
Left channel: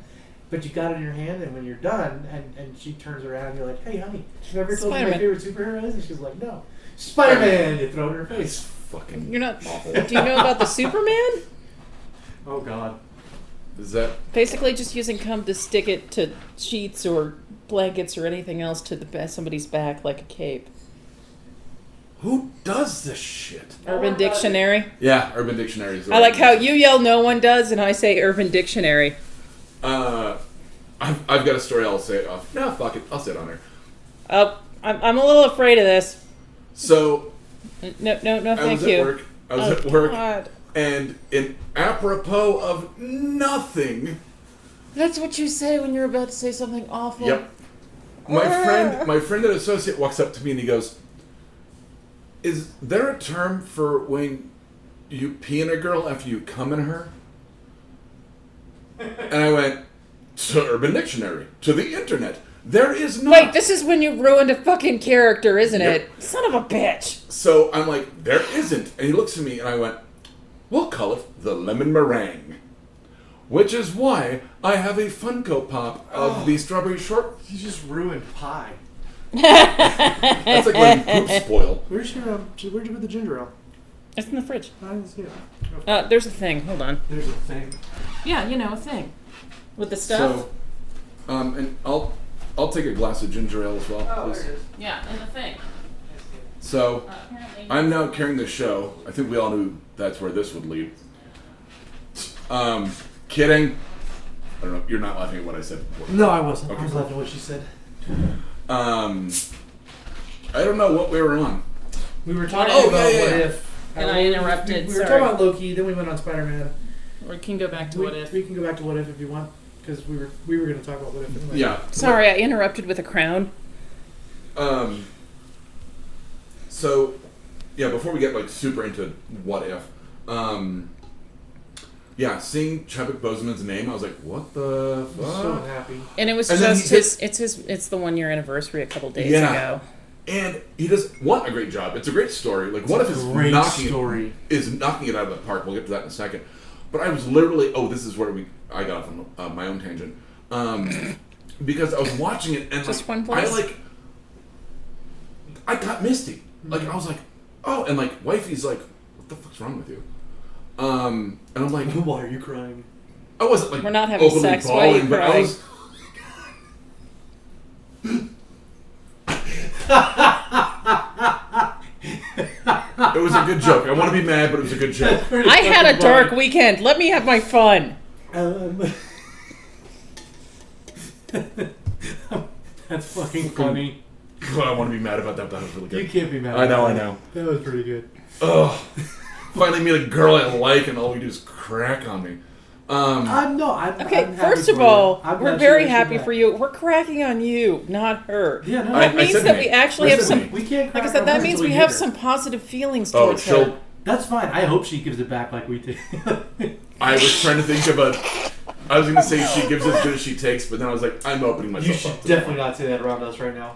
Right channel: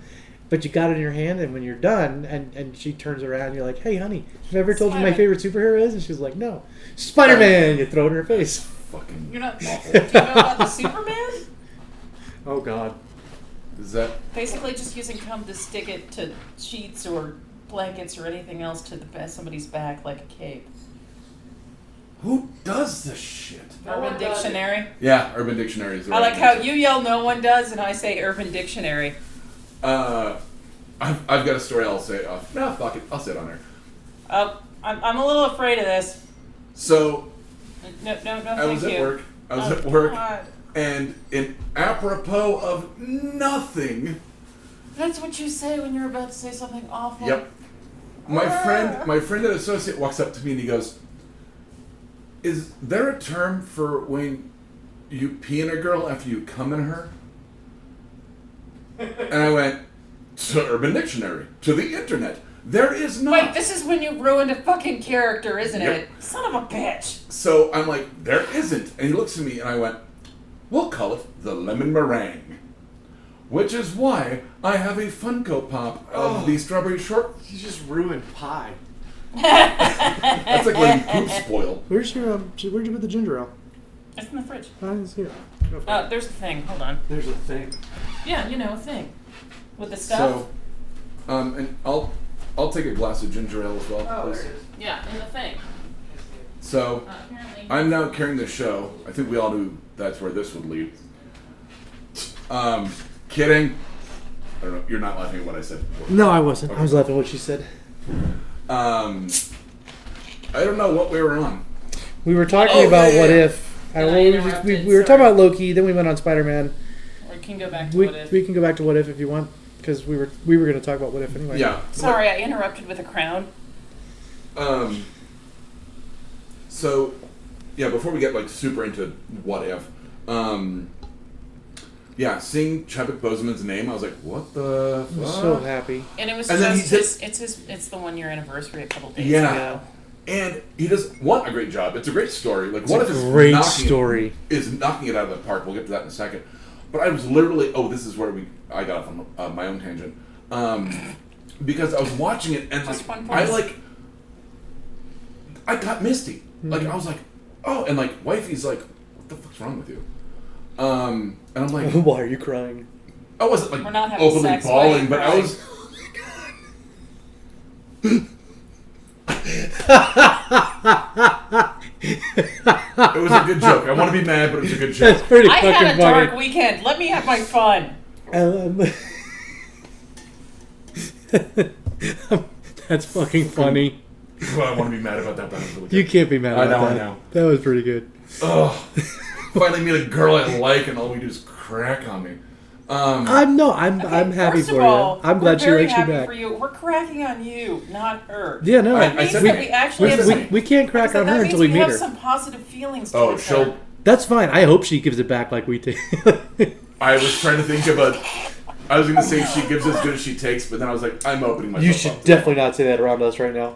but you got it in your hand, and when you're done, and she turns around and you're like, hey, honey, have I ever told you my favorite superhero is? And she's like, no. Spider-Man! You throw it in her face. Fucking You're not... awful. Do you know about the Superman? Oh, God. Is that... Basically just using cum to stick it to sheets or blankets or anything else to somebody's back like a cape. Who does this shit? Urban Dictionary. Yeah, Urban Dictionary is the I like how you yell no one does and I say Urban Dictionary. I've got a story I'll say off. No, fuck it. I'll say it on there. I'm a little afraid of this. So... No, thank you. I was at work. God. And in apropos of nothing... That's what you say when you're about to say something awful. Yep. My friend and associate walks up to me and he goes, is there a term for when you pee in a girl after you come in her? And I went, to Urban Dictionary, to the internet. There is not. Wait, this is when you ruined a fucking character, isn't Yep. it? Son of a bitch. So I'm like, there isn't. And he looks at me and I went, we'll call it the lemon meringue. Which is why I have a Funko Pop of the strawberry short. You just ruined pie. That's like when poop spoil. Where'd you put the ginger ale? It's in the fridge. I didn't see it. There's a thing. Hold on. There's a thing. Yeah, a thing. With the stuff. So, and I'll take a glass of ginger ale as well, please. There it is. Yeah, in the thing. So, Apparently. I'm now carrying the show. I think we all knew that's where this would lead. Kidding. I don't know. You're not laughing at what I said before. No, I wasn't. Okay. I was laughing at what she said. I don't know what we were on. We were talking about yeah. What If. And I interrupted, We were talking about Loki, then we went on Spider-Man. We can go back to We What If. can go back to What If you want, because we were going to talk about What If anyway. Yeah. Sorry, I interrupted with a crown. So, yeah, before we get like super into What If, yeah, seeing Chadwick Boseman's name, I was like, what the I was fuck? so happy. And it was And then just it's the 1 year anniversary a couple days Yeah. ago. And he does a great job. It's a great story. Like, It's What a If is great knocking story. is knocking it out of the park. We'll get to that in a second. But I was literally, this is where I got off on my own tangent, because I was watching it and Just one I place. I got misty. Like I was like, oh, and like wifey's like, what the fuck's wrong with you? And I'm like, Why are you crying? I wasn't like We're not having openly sex, why are you bawling, but I crying? was. It was a good joke. I want to be mad, but it was a good joke. That's pretty I had a fucking dark funny. weekend. Let me have my fun. That's fucking funny. Well, I want to be mad about that, but that was really good. You can't be mad I at know, that. I know. That was pretty good. Ugh. Finally meet a girl I like, and all we do is crack on me. I'm Okay, happy first for of all, you. I'm we're glad she very likes you happy back. for you. We're cracking on you, not her. Yeah, no. I That means said that me. we actually Where's have the some. me? we can't Like I crack said, on that her means until we we meet have her. some positive feelings Oh, towards she'll. her. That's fine. I hope she gives it back like we take. I was trying to think of a. I was going to say she gives as good as she takes, but then I was like, I'm opening myself You up should to definitely not say that around us right now.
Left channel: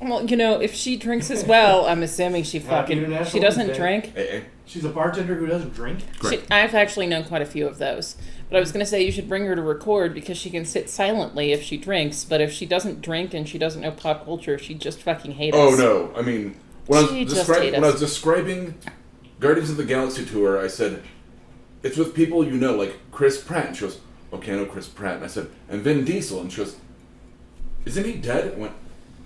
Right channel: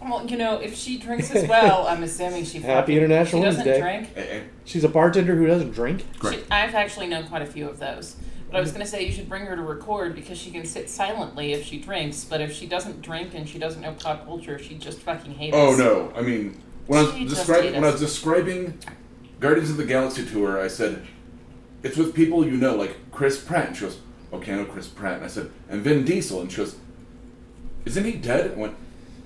Well, if she drinks as well, I'm assuming she Happy fucking. International She doesn't Women's Day. drink. AA. She's a bartender who doesn't drink. Correct. I've actually known quite a few of those. But I was going to say you should bring her to record because she can sit silently if she drinks. But if she doesn't drink and she doesn't know pop culture, she'd just fucking hate us. Oh no! I mean, when I She was just hate when I us. was describing Guardians of the Galaxy tour, I said it's with people you know, like Chris Pratt. And she goes, "Okay, I know Chris Pratt." And I said, "And Vin Diesel." And she goes, "Isn't he dead?" I went,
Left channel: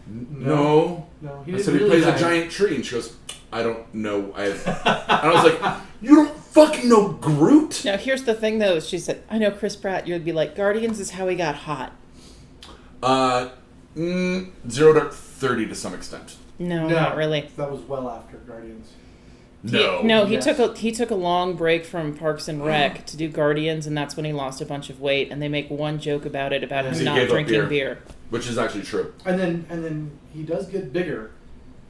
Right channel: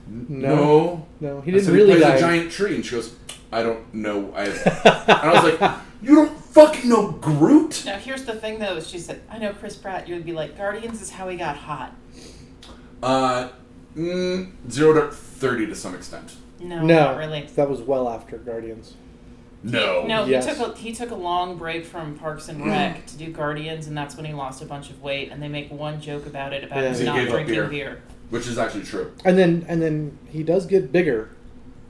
"No." No, he I didn't said, really he plays die. a giant tree. And she goes, "I don't know." And I was like, "You don't fucking know Groot?" Now, here's the thing, though. She said, I know Chris Pratt. You would be like, Guardians is how he got hot. 0 to 30 to some extent. No, No, not really. That was well after Guardians. No. No, Yes. he took a long break from Parks and Rec to do Guardians, and that's when he lost a bunch of weight. And they make one joke about it, about Yeah. him He not gave up drinking beer. beer. Which is actually true. And then he does get bigger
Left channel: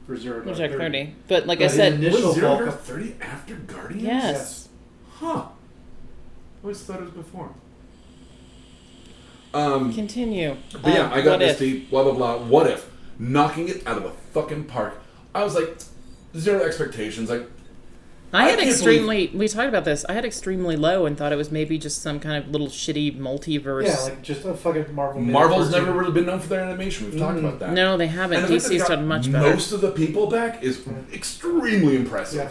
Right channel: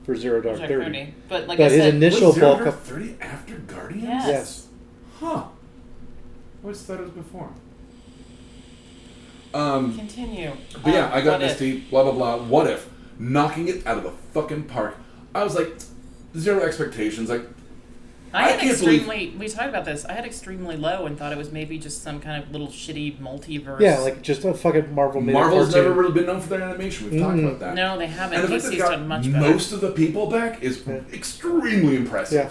for 0 to Which I 30. 30. But like But I his said, initial Was 0 bulk to of 30 after Guardians? Yes. yes. Huh. I always thought it was before. Continue. But yeah, I got What if? Misty, blah, blah, blah. What if? Knocking it out of the fucking park. I was like, zero expectations. Like, I had can't extremely. We talked about this. I had extremely low and thought it was maybe just some kind of little shitty multiverse. Yeah, like just a fucking Marvel. Marvel's cartoon. never really been known for their animation. We've talked about that. No, they haven't. And the fact that they DC's got done much better. most of the people back is extremely impressive. Yeah.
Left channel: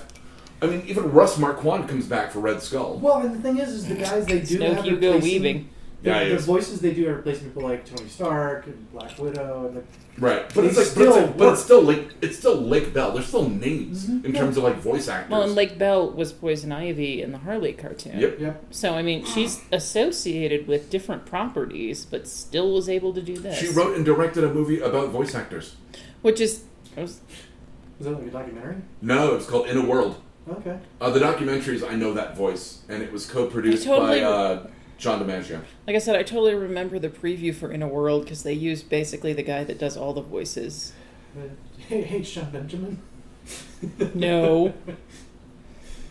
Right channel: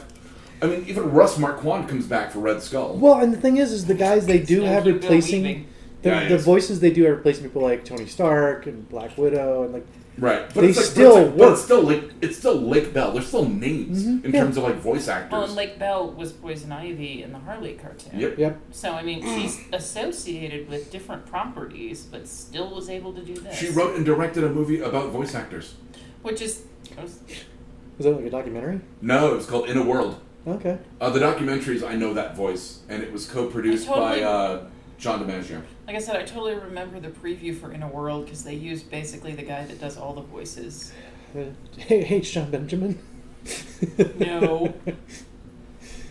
I mean, even Russ Marquand comes back for Red Skull. Well, and the thing is the guys they do Still have Hugo replacing Weaving. Yeah, the yes. voices they do are replacing people like Tony Stark and Black Widow and like Right, but They it's like, still but it's still like it's still Lake Bell. There's still names in Yeah. terms of like voice actors. Well, and Lake Bell was Poison Ivy in the Harley cartoon. Yep. So, I mean, she's associated with different properties, but still was able to do this. She wrote and directed a movie about voice actors. Which is... was that like a documentary? No, it was called In a World. Okay. The documentary is I Know That Voice, and it was co-produced by John DiMaggio. Like I said, I totally remember the preview for In a World, because they used basically the guy that does all the voices. Hey, John Benjamin. No.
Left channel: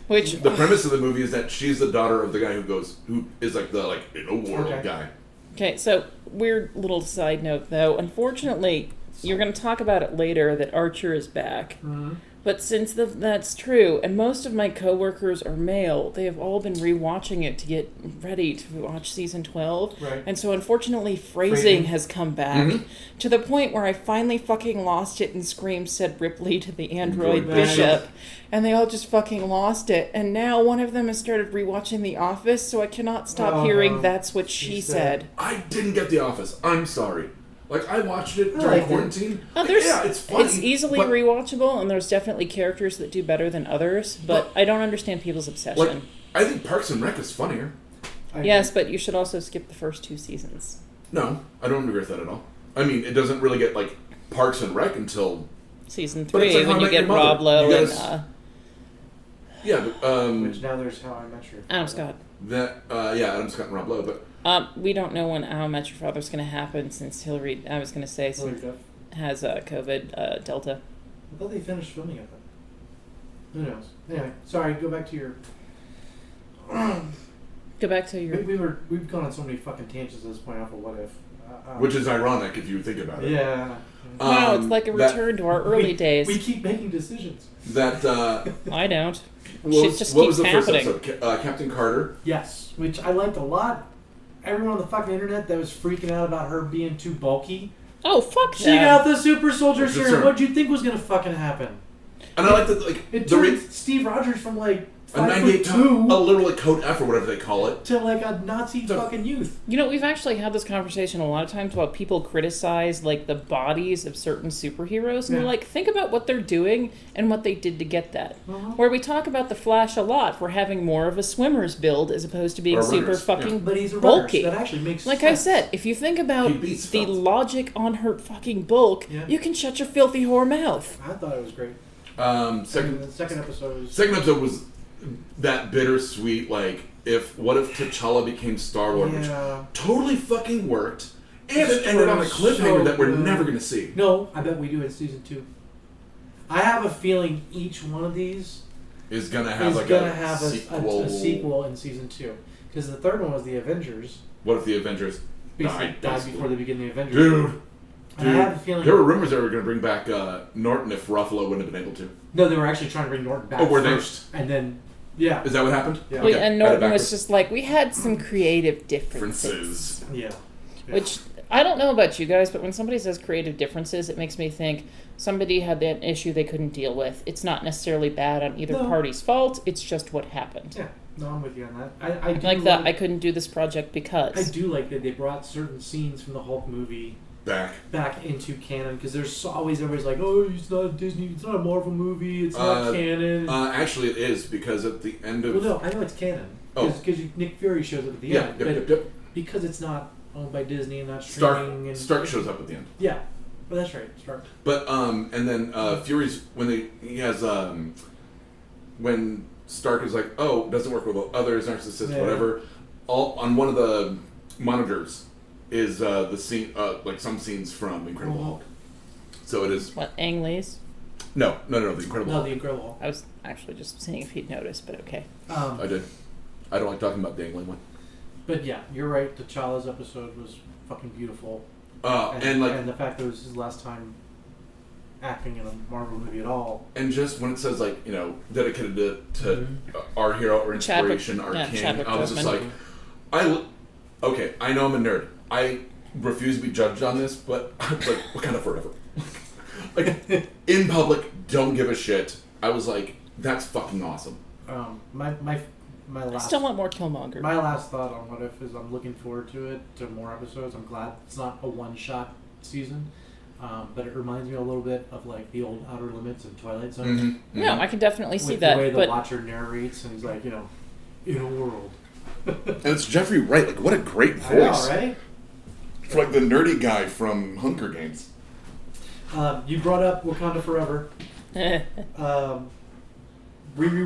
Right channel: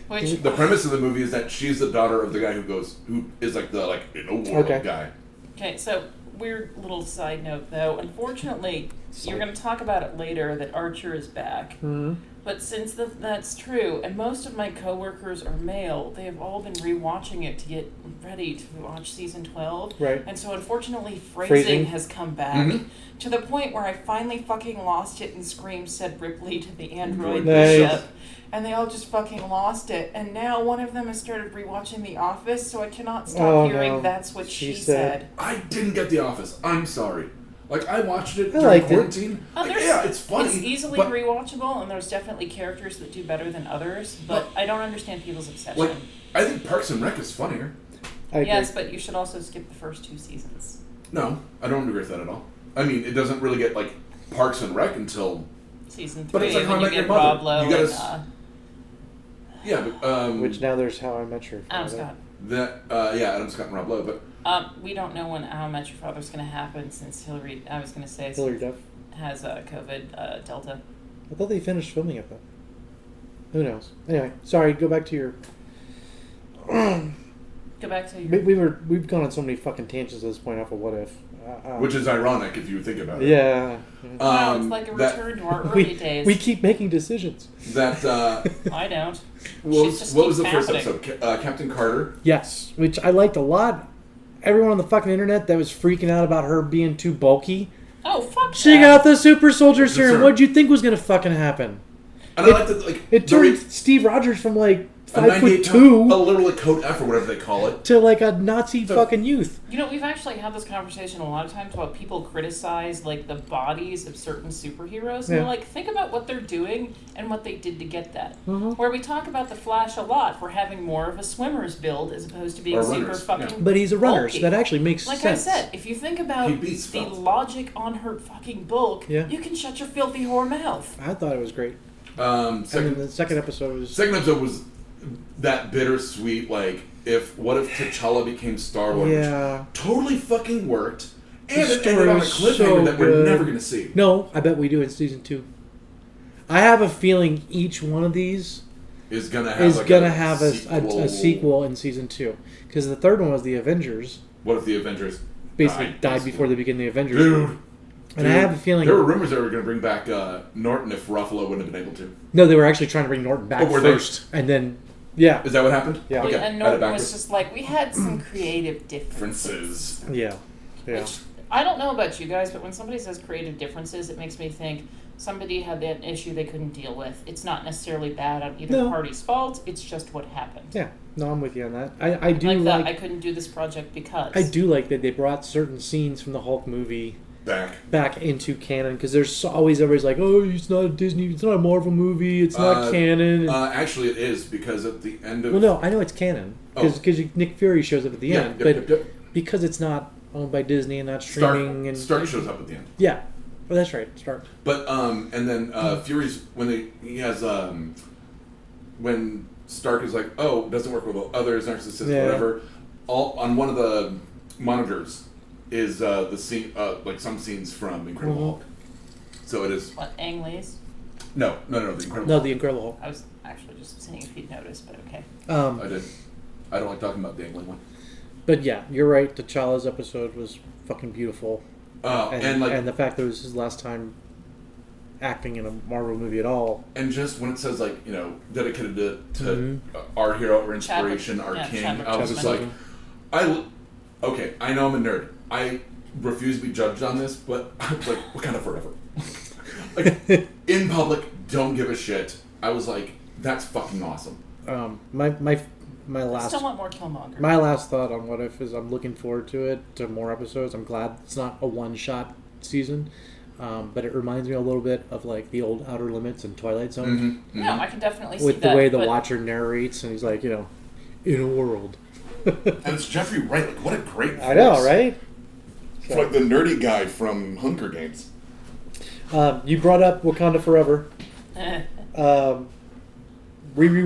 Which The premise of the movie is that she's the daughter of the guy who is like the in a world guy. Okay, so weird little side note though. Unfortunately, you're going to talk about it later that Archer is back. Mm-hmm. But since that's true, and most of my coworkers are male, they have all been rewatching it to get ready to watch season 12. Right. And so unfortunately, phrasing has come back to the point where I finally fucking lost it and Scream said Ripley to the android bishop. And they all just fucking lost it. And now one of them has started rewatching The Office, so I cannot stop hearing that's what she said. I didn't get The Office. I'm sorry. Like, I watched it during quarantine. It's funny. It's easily rewatchable, and there's definitely characters that do better than others, but I don't understand people's obsession. Like, I think Parks and Rec is funnier. Yes, but you should also skip the first 2 seasons. No, I don't agree with that at all. I mean, it doesn't really get, Parks and Rec until... Season 3, when you get Rob Lowe and... Yeah, but... which now there's How I Met Your Father. Adam Scott. Adam Scott and Rob Lowe, but... we don't know when How I Met Your Father's going to happen since Hillary has COVID Delta. I thought they finished filming it, though. Who knows? Anyway, sorry, go back to your... We've gone on so many fucking tangents at this point off of What If. Which is ironic if you think about it. Yeah. Wow, it's like a return to our early days. We keep making decisions. I don't. What was the first episode? Captain Carter? Yes, which I liked a lot. Everyone on the fucking internet that was freaking out about her being too bulky. Oh, fuck She got the super soldier serum. What'd you think was going to fucking happen? And I like that, it turned Steve Rogers from, 5'2", a little code F or whatever they call it, to a Nazi fucking youth. You know, we've actually had this conversation a lot of times about people criticize the bodies of certain superheroes, and they're think about what they're doing and what they did to get that. Where we talk about the Flash a lot for having more of a swimmer's build as opposed to being super fucking But he's a runner, bulky. so that actually makes sense. Like I said, if you think about the logic on her fucking bulk, you can shut your filthy whore mouth. I thought it was great. The second episode was that bittersweet, what if T'Challa became Star-Lord, which totally fucking worked, and it ended on a cliffhanger that we're never going to see. No, I bet we do in season 2. I have a feeling each one of these is going to have a sequel in season 2. Because the third one was the Avengers. What if the Avengers died before they began the Avengers? Dude. And I have a feeling... There were rumors they were going to bring back Norton if Ruffalo wouldn't have been able to. No, they were actually trying to bring Norton back first. They? And then... Yeah. Is that what happened? Yeah. Okay. And Norton was just we had some creative differences. Yeah. Which, I don't know about you guys, but when somebody says creative differences, it makes me think somebody had that issue they couldn't deal with. It's not necessarily bad on either party's fault. It's just what happened. Yeah. No, I'm with you on that. I do like that. I couldn't do this project because... I do like that they brought certain scenes from the Hulk movie... back into canon, because there's always everybody's like, oh, it's not a Disney, it's not a Marvel movie, it's not canon. Actually, it is, because at the end of... Well, no, I know it's canon, because Nick Fury shows up at the end, but because it's not owned by Disney and not streaming... Stark shows up at the end. Yeah, well, that's right, Stark. But, and then Fury's, when Stark is like, oh, doesn't work with others, narcissist, whatever, on one of the monitors... is the scene, some scenes from Incredible Hulk. So it is... What, Ang Lee's? No, the Incredible Hulk. No, the Incredible Hulk. I was actually just seeing if he'd noticed, but okay. I did. I don't like talking about the Ang Lee one. But yeah, you're right, T'Challa's episode was fucking beautiful. And the fact that it was his last time acting in a Marvel movie at all. And just when it says, dedicated to our hero, our inspiration, our king, I was just like... Okay, I know I'm a nerd. I refuse to be judged on this, but Wakanda forever. In public, don't give a shit. I was like, that's fucking awesome. My last... I still want more Killmonger. My last thought on What If is I'm looking forward to more episodes. I'm glad it's not a one-shot season. But it reminds me a little bit of the old Outer Limits and Twilight Zone. Mm-hmm. Mm-hmm. No, I can definitely see that. With the way the Watcher narrates, and he's like, in a world... And it's Jeffrey Wright. What a great voice. I know, right? It's like the nerdy guy from Hunger Games. You brought up Wakanda Forever. Riri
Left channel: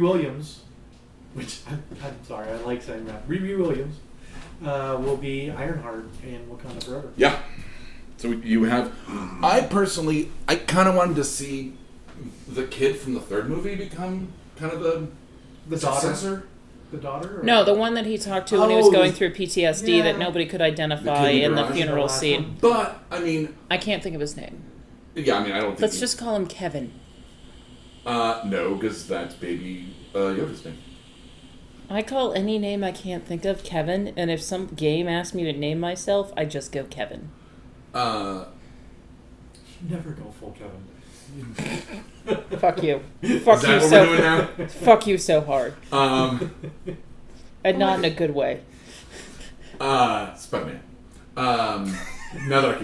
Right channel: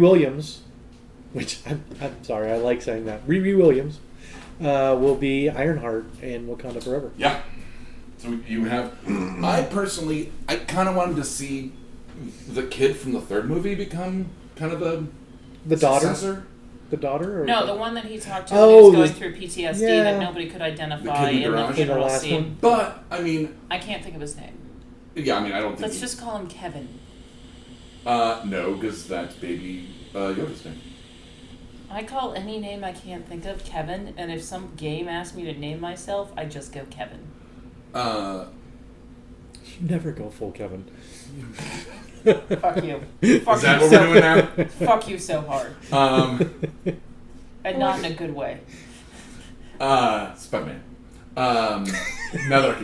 Williams, which I'm sorry, I like saying that. Riri Williams will be Ironheart in Wakanda Forever. Yeah. So you have... I kind of wanted to see the kid from the third movie become kind of The daughter? successor? The daughter? Or No, the one that he talked to when he was going through PTSD yeah. that nobody could The identify kid in in the the garage? funeral The last scene. one. But, I mean, I can't think of his name. yeah, I mean, I don't think... Let's just call him Kevin. No, because that's Baby Yoda's name. I call any name I can't think of Kevin, and if some game asks me to name myself, I just go Kevin. Never go full Kevin. Fuck you. Is Fuck that you what we're doing now? Fuck you so hard. And not in a good way. Spider-Man. Now that I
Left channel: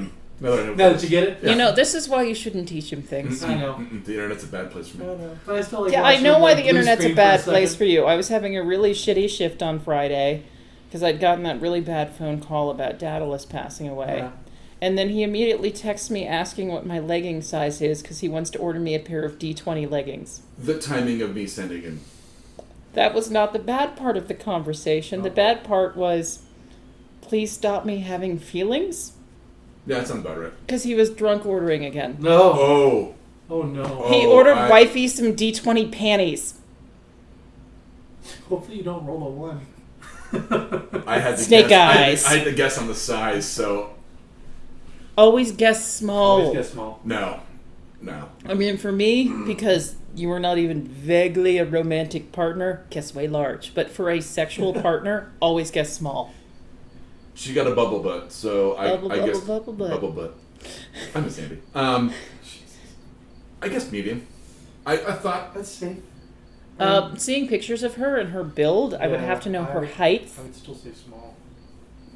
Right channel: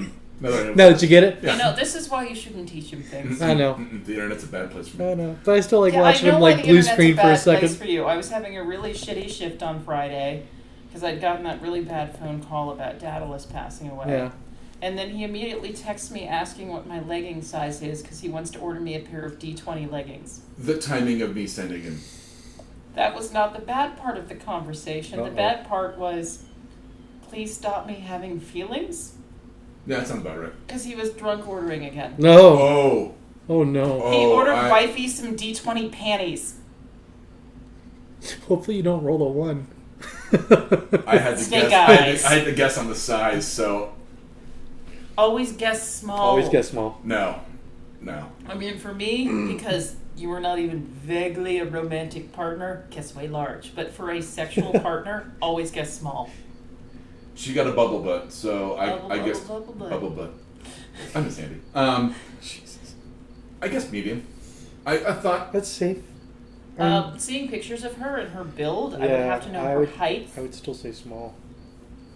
know. Now that you get it? You know, this is why you shouldn't teach him things. I know. The internet's a bad place for me. I know. But I still like Yeah, I watching know them, why like, the blue internet's a screen for bad second. place for you. I was having a really shitty shift on Friday because I'd gotten that really bad phone call about Daedalus passing away. Yeah. And then he immediately texts me asking what my legging size is because he wants to order me a pair of D20 leggings. The timing of me sending him. That was not the bad part of the conversation. Uh-oh. The bad part was, please stop me having feelings? Yeah, that sounds about right. Because he was drunk ordering again. No. Oh. Oh, no. He ordered wifey some D20 panties. Hopefully you don't roll a 1. I had to Snake guess. eyes. I had to guess on the size, so Always guess small. Always get small. no. I mean, for me, because you were not even vaguely a romantic partner, guess way large. But for a sexual partner, always guess small. She got a bubble butt, so I guess Bubble butt. bubble butt. I miss Andy. I guess medium. I thought That's safe. Seeing pictures of her and her build, I would Yeah, have to know I her would- height. I would still say small.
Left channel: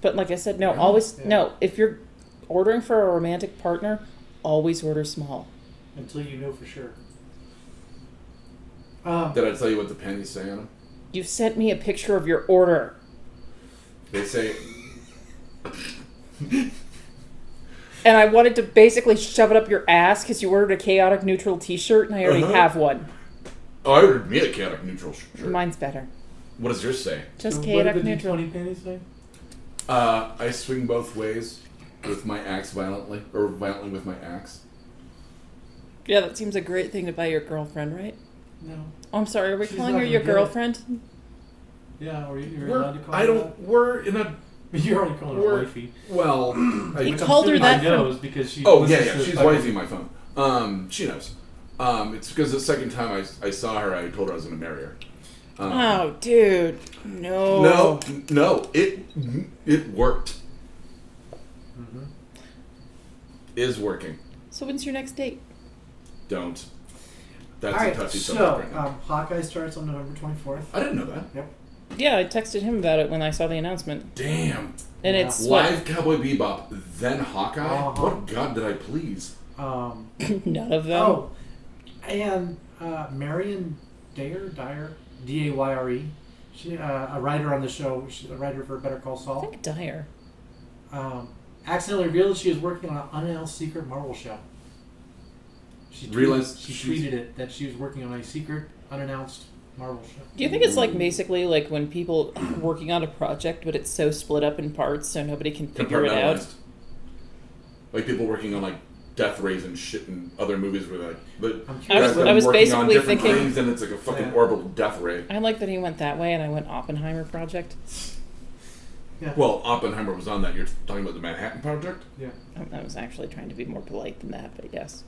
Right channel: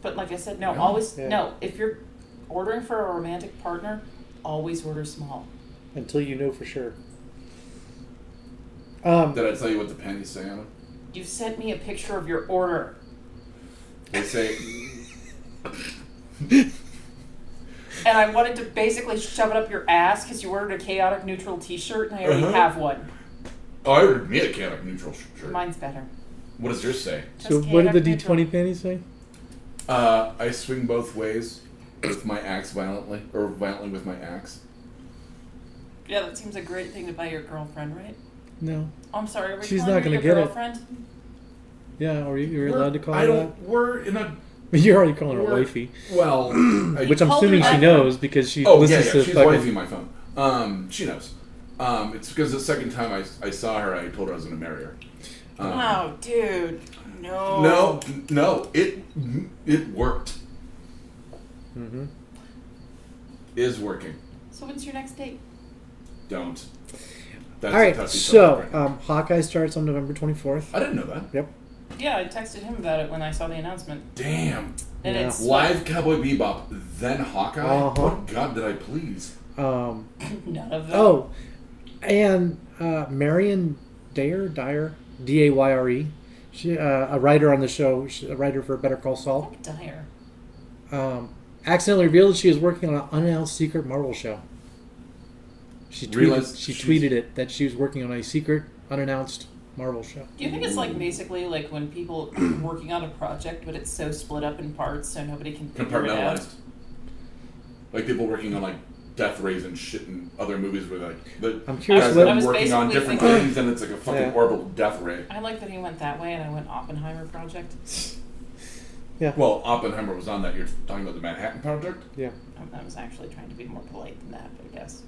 But like I said, no, Yeah. always Yeah. no. If you're ordering for a romantic partner, always order small. Until you know for sure. did I tell you what the panties say on them? You sent me a picture of your order. They say And I wanted to basically shove it up your ass because you ordered a chaotic neutral t-shirt and I already Uh-huh. have one. oh, I ordered me a chaotic neutral shirt. Mine's better. What does yours say? Just So what chaotic did the neutral. D20 panties say? I swing both ways with my axe violently with my axe. Yeah, that seems a great thing to buy your girlfriend, right? No. Oh, I'm sorry, are we She's calling not her gonna your get it. girlfriend? Yeah, or you're allowed to call her We're in a... that? You're already calling her We're- wifey. Well... Which I'm called her assuming she that for- knows because she Oh, yeah, listens to she's fucking- wifey my phone. She knows. It's because the second time I saw her, I told her I was going to marry her. Oh, dude. No. No, it worked. Mm-hmm. Is working. So when's your next date? Don't. That's All right, a touchy so subject right now. Hawkeye starts on November 24th. I didn't know that. Yep. Yeah, I texted him about it when I saw the announcement. Damn. And Yeah. it's Live Cowboy Bebop, then Hawkeye? Uh-huh. What god did I please? None of them. Oh, and Marion Dyer, D-A-Y-R-E. She, a writer on the show, she's a writer for Better Call I Saul. think Dyer. Accidentally revealed she is working on an unannounced secret Marvel show. She tweeted it that she was working on a secret, unannounced Marvel show. Do you think it's like basically like when people are working on a project, but it's so split up in parts so nobody can figure it out? Compartmentalized. Like people working on like Death Rays and shit and other movies where the I'm guys curious. have I was been working on basically different thinking- things and it's like a fucking Yeah. orbital death ray. I like that he went that way and I went Oppenheimer project. Yeah. Well, Oppenheimer was on that. You're talking about the Manhattan Project? Yeah. I was actually trying to be more polite than that, but yes.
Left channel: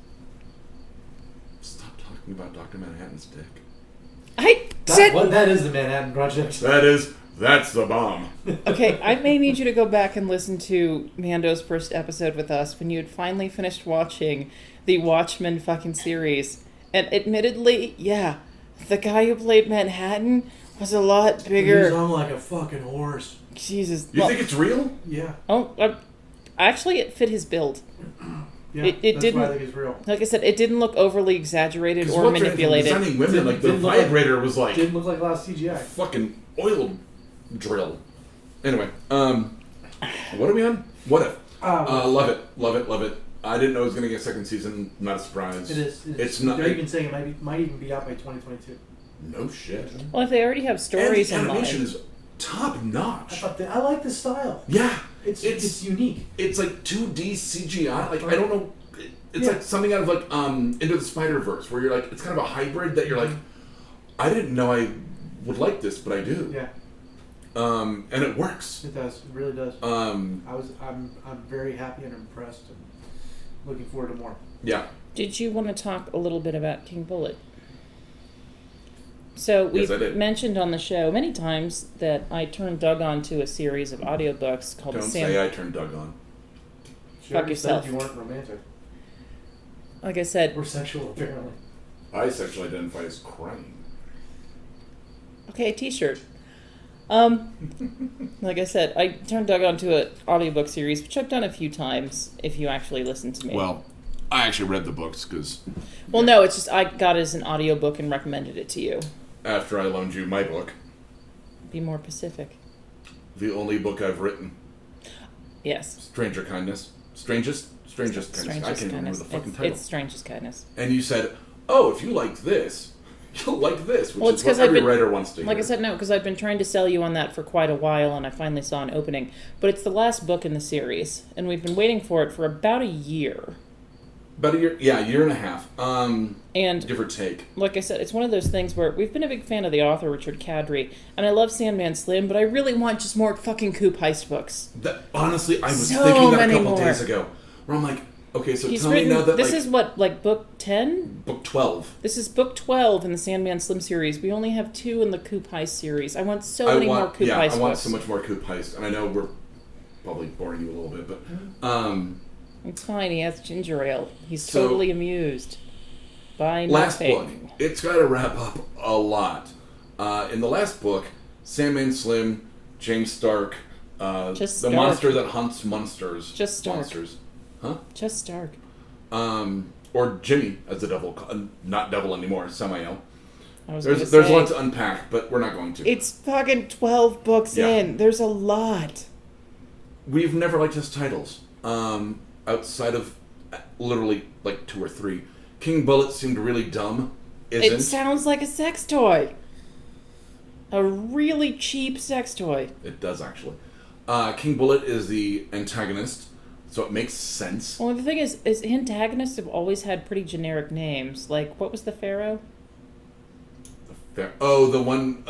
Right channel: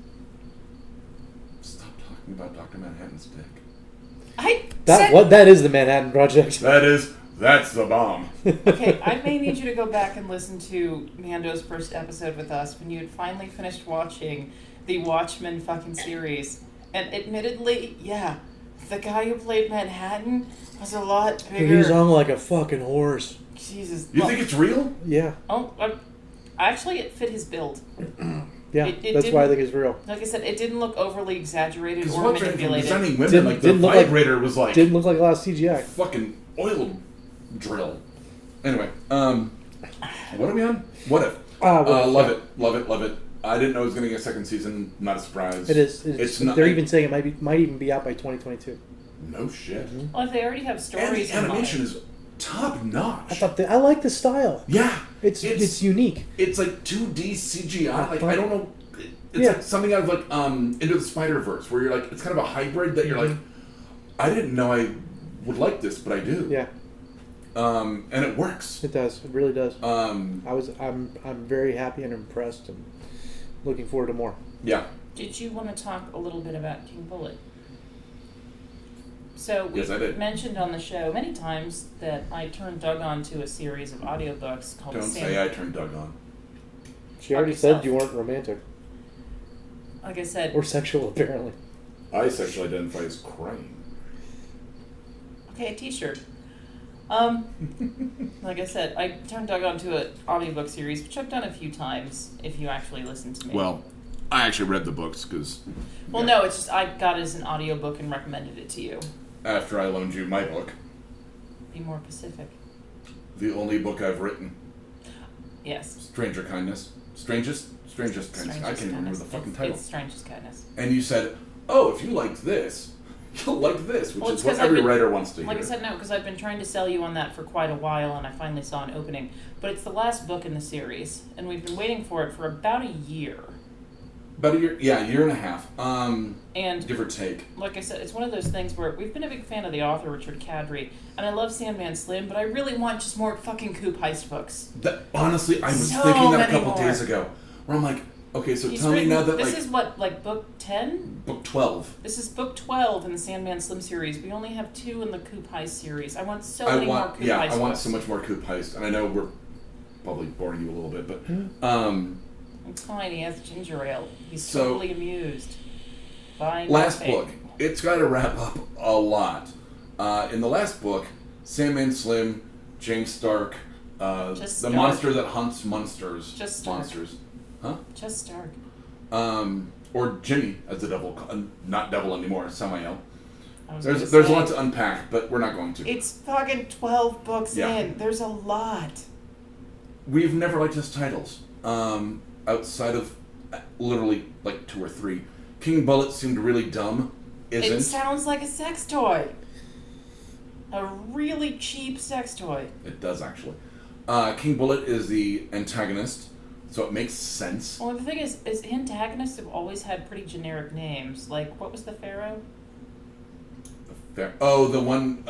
Stop talking about Dr. Manhattan's dick. I said... That is the Manhattan Project. That's the bomb. Okay, I may need you to go back and listen to Mando's first episode with us when you had finally finished watching the Watchmen fucking series. And admittedly, yeah, the guy who played Manhattan was a lot bigger. He's on like a fucking horse. Jesus. You think it's real? Yeah. Oh, actually, it fit his build. Yeah. It that's why I didn't- think it's real. Like I said, it didn't look overly exaggerated Because or what's manipulated. designing women, Didn't- like the didn't look like- vibrator was like Didn't look like a lot of CGI. fucking oil drill. Anyway, what are we on? What if? Love it. I didn't know it was going to get a second season. Not a surprise. It is. It's not. They're even saying it might even be out by 2022. No shit. Well, if they already have And stories the in animation mind. is top notch. I like the style. Yeah, It's unique. It's like 2D CGI. Like I don't know. it's like something out of like Into the Spider-Verse, where you're like, it's kind of a hybrid that you're like, I didn't know I would like this, but I do. Yeah. And it works. It does. It really does. I'm very happy and impressed, and looking forward to more. Yeah. Did you want to talk a little bit about King Bullet? So we've mentioned on the show many times that I turned Doug on to a series of audiobooks called Don't say I turned Doug on. She already said you weren't romantic. Like I said. Or sexual, apparently. I sexually identify as crying. Okay, t-shirt. Like I said, I turned Doug on to an audiobook series, which I've done a few times, if you actually listen to me. Well, I actually read the books, because... Well, no, it's just I got it as an audiobook and recommended it to you. After I loaned you my book. Be more specific. The only book I've written. Yes. Stranger Kindness. Strangest Kindness. I can't remember the fucking title. It's Strangest Kindness. And you said, oh, if you liked this, you'll like this, which is what every writer wants to hear. Like I said, no, because I've been trying to sell you on that for quite a while, and I finally saw an opening. But it's the last book in the series, and we've been waiting for it for about a year. About a year and a half. And give or take. Like I said, it's one of those things where we've been a big fan of the author, Richard Kadrey, and I love Sandman Slim, but I really want just more fucking Coop Heist books. Honestly, I was thinking that a couple days ago, where I'm like, okay, so tell me now that this is what, like book 10? Book 12. This is book 12 in the Sandman Slim series. We only have 2 in the Coop Heist series. I want so many more Coop Heist books. I want so much more Coop Heist, and I know we're probably boring you a little bit, but... It's fine, he has ginger ale. He's totally amused. Last book. It's got to wrap up a lot. In the last book, Sandman Slim, James Stark, the monster that hunts monsters. Just Stark. Monsters. Huh? Just Stark. Or Jimmy as the devil. Not devil anymore, Samael. There's a lot to unpack, but we're not going to. It's fucking 12 books in. There's a lot. We've never liked his titles. Outside of literally like 2 or 3. King Bullet seemed really dumb. It sounds like a sex toy. A really cheap sex toy. It does, actually. King Bullet is the antagonist, so it makes sense. Well, the thing is antagonists have always had pretty generic names. Like, what was the Pharaoh? The one...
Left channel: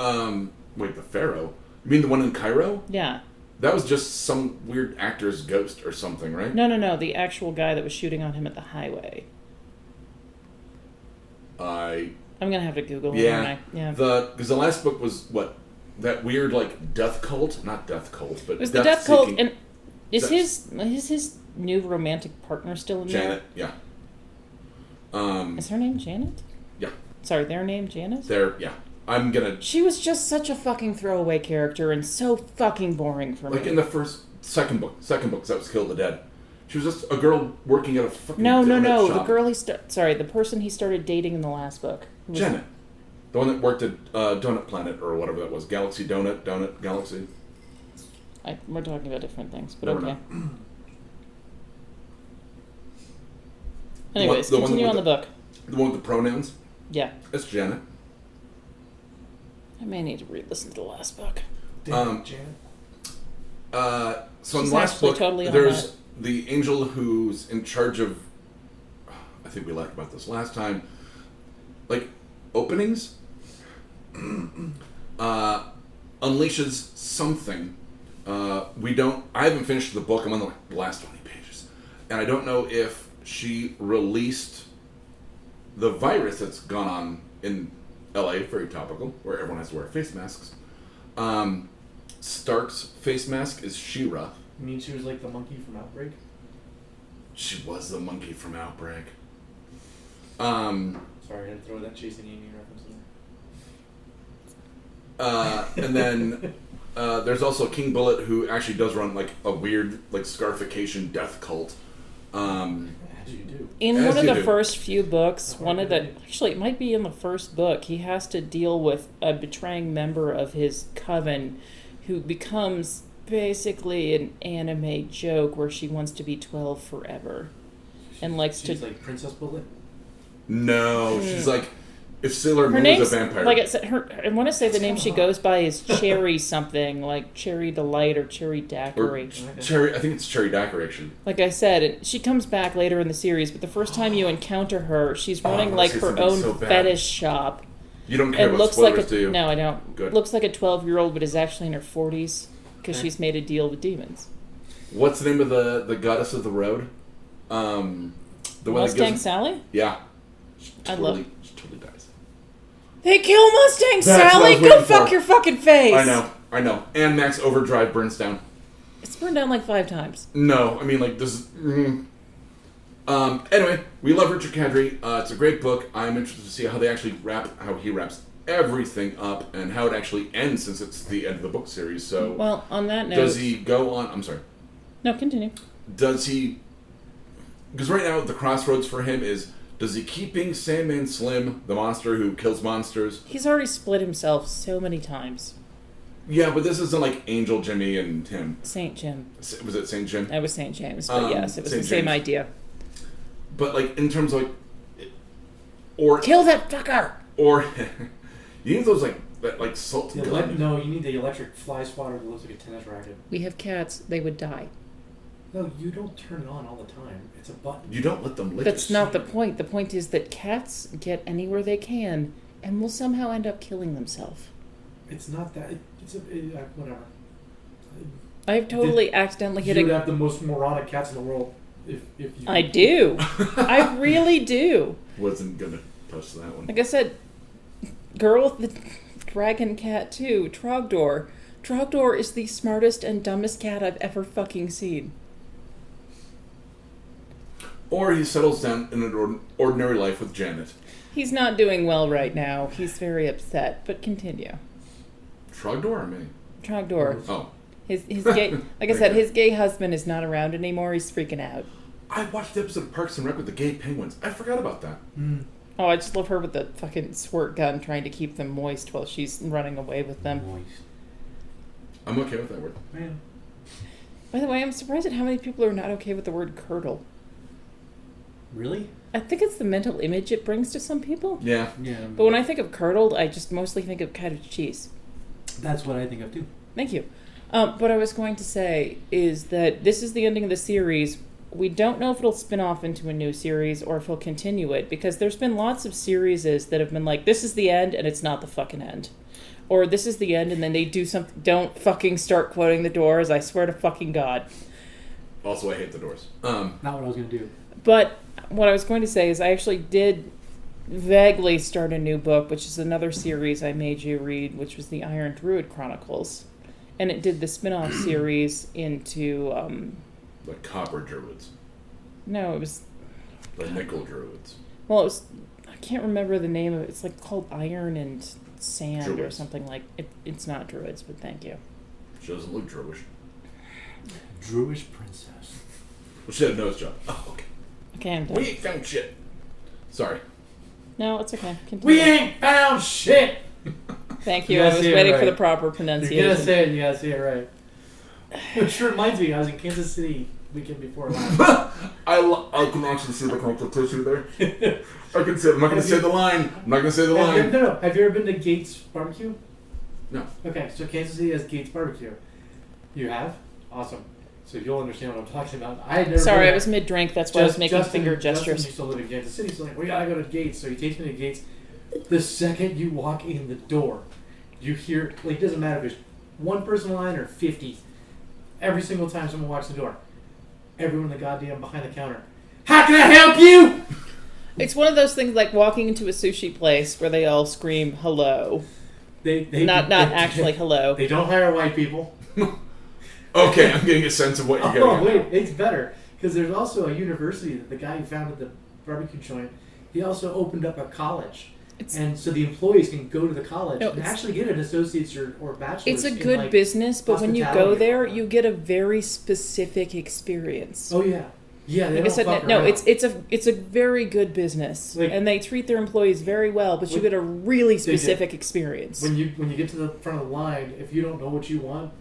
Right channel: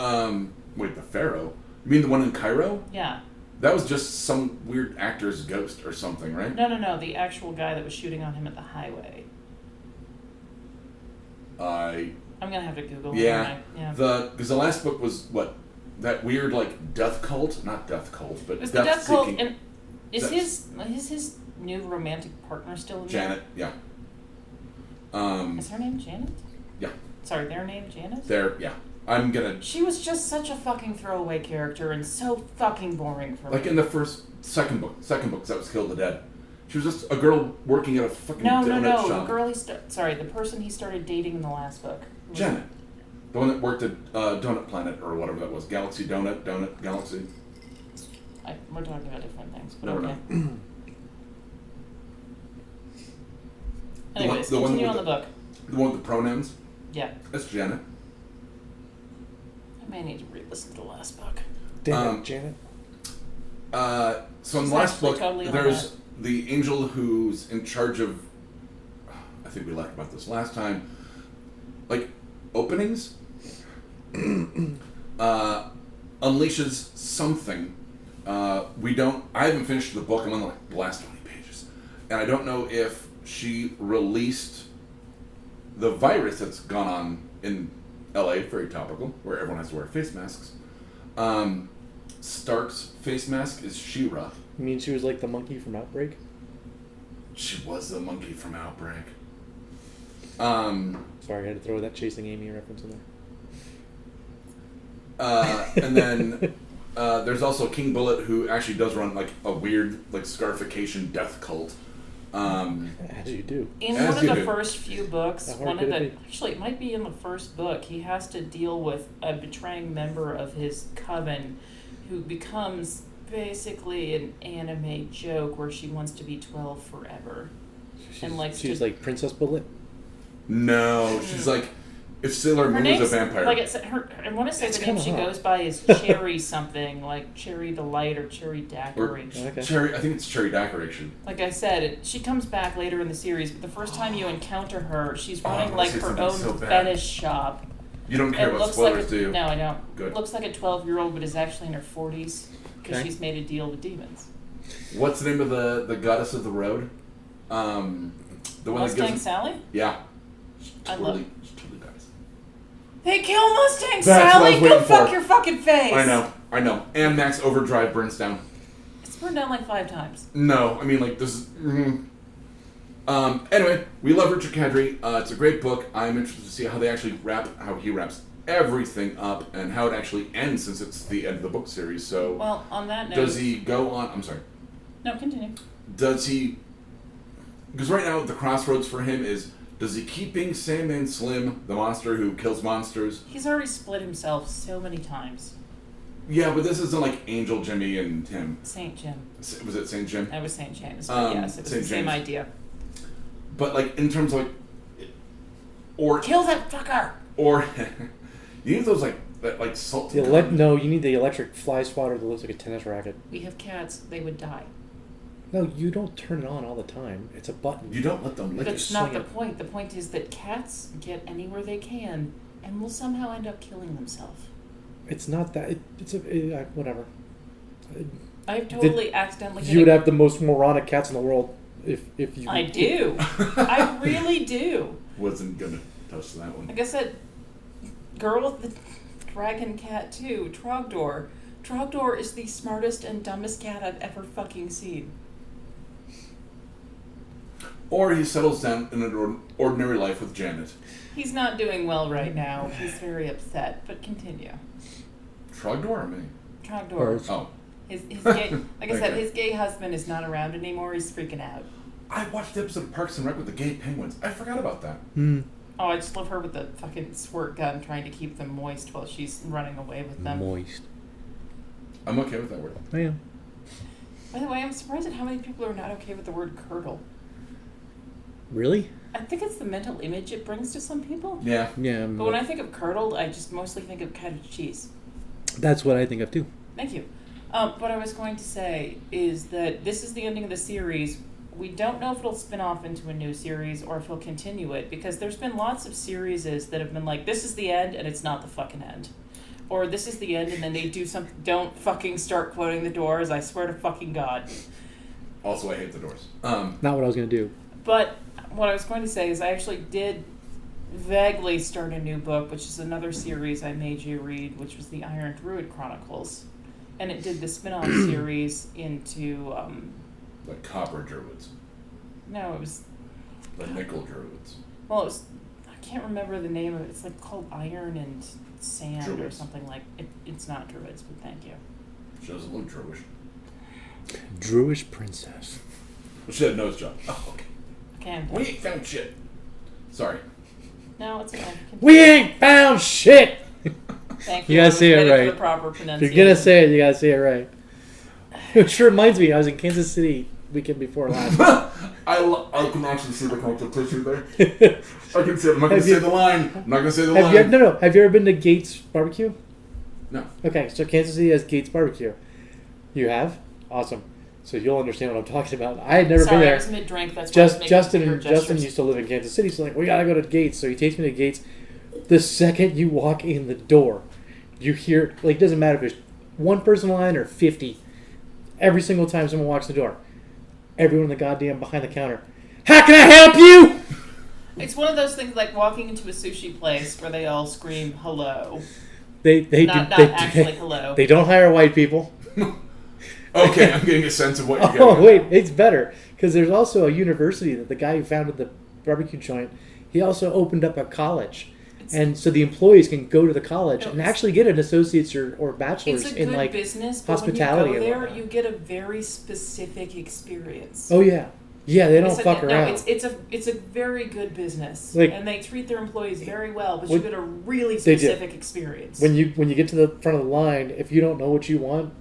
wait, the Pharaoh? You mean the one in Cairo? Yeah. That was just some weird actor's ghost or something, right? No. The actual guy that was shooting on him at the highway. I'm gonna have to Google. Yeah. Because the last book was what, that weird like death cult, not death cult, but it was the death cult. And is his new romantic partner still in Janet? there? Yeah. Is her name Janet? Yeah. Sorry, their name Janet? Yeah. She was just such a fucking throwaway character and so fucking boring for me. Like in the second book, that was Kill the Dead. She was just a girl working at a fucking donut shop. The girl the person he started dating in the last book. Janet. The one that worked at Donut Planet or whatever that was. Galaxy Donut Galaxy. We're talking about different things, but Never okay. know. Anyways, continue on the book. The one with the pronouns? Yeah. That's Janet. I may need to re-listen to the last book. Damn, Janet. So in the last book, there's the angel who's in charge of... I think we laughed about this last time. Like, openings? Unleashes something. I haven't finished the book. I'm on the last 20 pages. And I don't know if she released the virus that's gone on in LA, very topical, where everyone has to wear face masks. Stark's face mask is She-Ra. You mean she was like the monkey from Outbreak? She was the monkey from Outbreak. Sorry, I had to throw that Chasing Amy reference in there. And then there's also King Bullet, who actually does run like a weird like scarification death cult. As you do. In one of the first few books, actually it might be in the first book, he has to deal with a betraying member of his coven who becomes basically an anime joke where she wants to be 12 forever. She's like Princess Bullet? No, she's like It's Sailor Moon is a vampire. Like I want to say the name she goes by is Cherry something, like Cherry Delight or Cherry Daiquiri. Cherry, I think it's Cherry Daiquiri. Like I said, she comes back later in the series, but the first time you encounter her, she's running like her own fetish shop. You don't care about spoilers, do you? No, I don't. Good. Looks like a 12-year-old, but is actually in her 40s because she's made a deal with demons. What's the name of the goddess of the road? The one Mustang Sally? Yeah. She totally dies. They kill Mustang Sally? Go fuck your fucking face! I know. And Max Overdrive burns down. It's burned down like 5 times. No, I mean, like, this is... Anyway, we love Richard Kadri. It's a great book. I'm interested to see how they actually how he wraps everything up and how it actually ends since it's the end of the book series. So, well, on that note... Does he go on... I'm sorry. No, continue. Does he... Because right now, the crossroads for him is... Does he keep being Sandman Slim, the monster who kills monsters? He's already split himself so many times. Yeah, but this isn't like Angel Jimmy and him. St. Jim. Was it St. Jim? It was St. James, but yes, it was the same idea. But like, in terms of like... Or... Kill that fucker! Or... you need those like salt... No, you need the electric fly swatter that looks like a tennis racket. We have cats, they would die. No, you don't turn it on all the time. It's a button. You don't let them lick it. That's not the point. The point is that cats get anywhere they can and will somehow end up killing themselves. It's not that. Whatever. I've totally accidentally hit You would have the most moronic cats in the world if you... I do. I really do. Wasn't gonna touch that one. Like I said, girl with the dragon cat too, Trogdor. Trogdor is the smartest and dumbest cat I've ever fucking seen. Or he settles down in an ordinary life with Janet. He's not doing well right now. He's very upset, but continue. Trogdor or me? Trogdor. Oh. His gay, like I said, his gay husband is not around anymore. He's freaking out. I watched the episode of Parks and Rec with the gay penguins. I forgot about that. Oh, I just love her with the fucking squirt gun trying to keep them moist while she's running away with them. Moist. I'm okay with that word. I am. By the way, I'm surprised at how many people are not okay with the word curdle. Really? I think it's the mental image it brings to some people. Yeah. But when I think of curdled, I just mostly think of cottage cheese. That's what I think of too. Thank you. What I was going to say is that this is the ending of the series. We don't know if it'll spin off into a new series or if he'll continue it, because there's been lots of series that have been like, this is the end and it's not the fucking end. Or this is the end and then they do something. Don't fucking start quoting the Doors. I swear to fucking God. Also, I hate the Doors. Not what I was going to do. But what I was going to say is I actually did vaguely start a new book, which is another series I made you read, which was the Iron Druid Chronicles. And it did the spin-off series into... the Copper Druids. No, it was... The Nickel Druids. Well, it was... I can't remember the name of it. It's like called Iron and Sand Druids. Or something like... It's not Druids, but thank you. She doesn't look Druish. Druish princess. Well, she had a nose job. Oh, okay. Okay, I'm done. We ain't found shit. Sorry. No, it's okay. Continue. We ain't found shit! Thank you. You I gotta was say it ready right. for the proper pronunciation. You're gonna say it, you gotta say it right. It sure reminds me, I was in Kansas City weekend before last. I can actually see the connective tissue there. I can say it. I'm not going to say the line. I'm not going to say the line. Have you ever been to Gates Barbecue? No. Okay, so Kansas City has Gates Barbecue. You have? Awesome. So you'll understand what I'm talking about. I had never been there. I was mid-drink. That's why I was making finger gestures. Justin used to live in Kansas City, so like, we gotta go to Gates. So he takes me to Gates. The second you walk in the door, you hear, like, it doesn't matter if there's one person in line or 50. Every single time someone walks the door, everyone in the goddamn behind the counter, how can I help you? It's one of those things like walking into a sushi place where they all scream hello. They not actually hello. They don't hire white people. Okay, I'm getting a sense of what you're getting. Oh, wait, it's better. Because there's also a university that the guy who founded the barbecue joint, he also opened up a college. And so the employees can go to the college and actually get an associate's or bachelor's. It's a good business, but when you go there, you get a very specific experience. Oh, yeah. Yeah, they don't fuck around. No, it's a very good business, and they treat their employees very well. But you get a really specific experience. When you get to the front of the line, if you don't know what you want,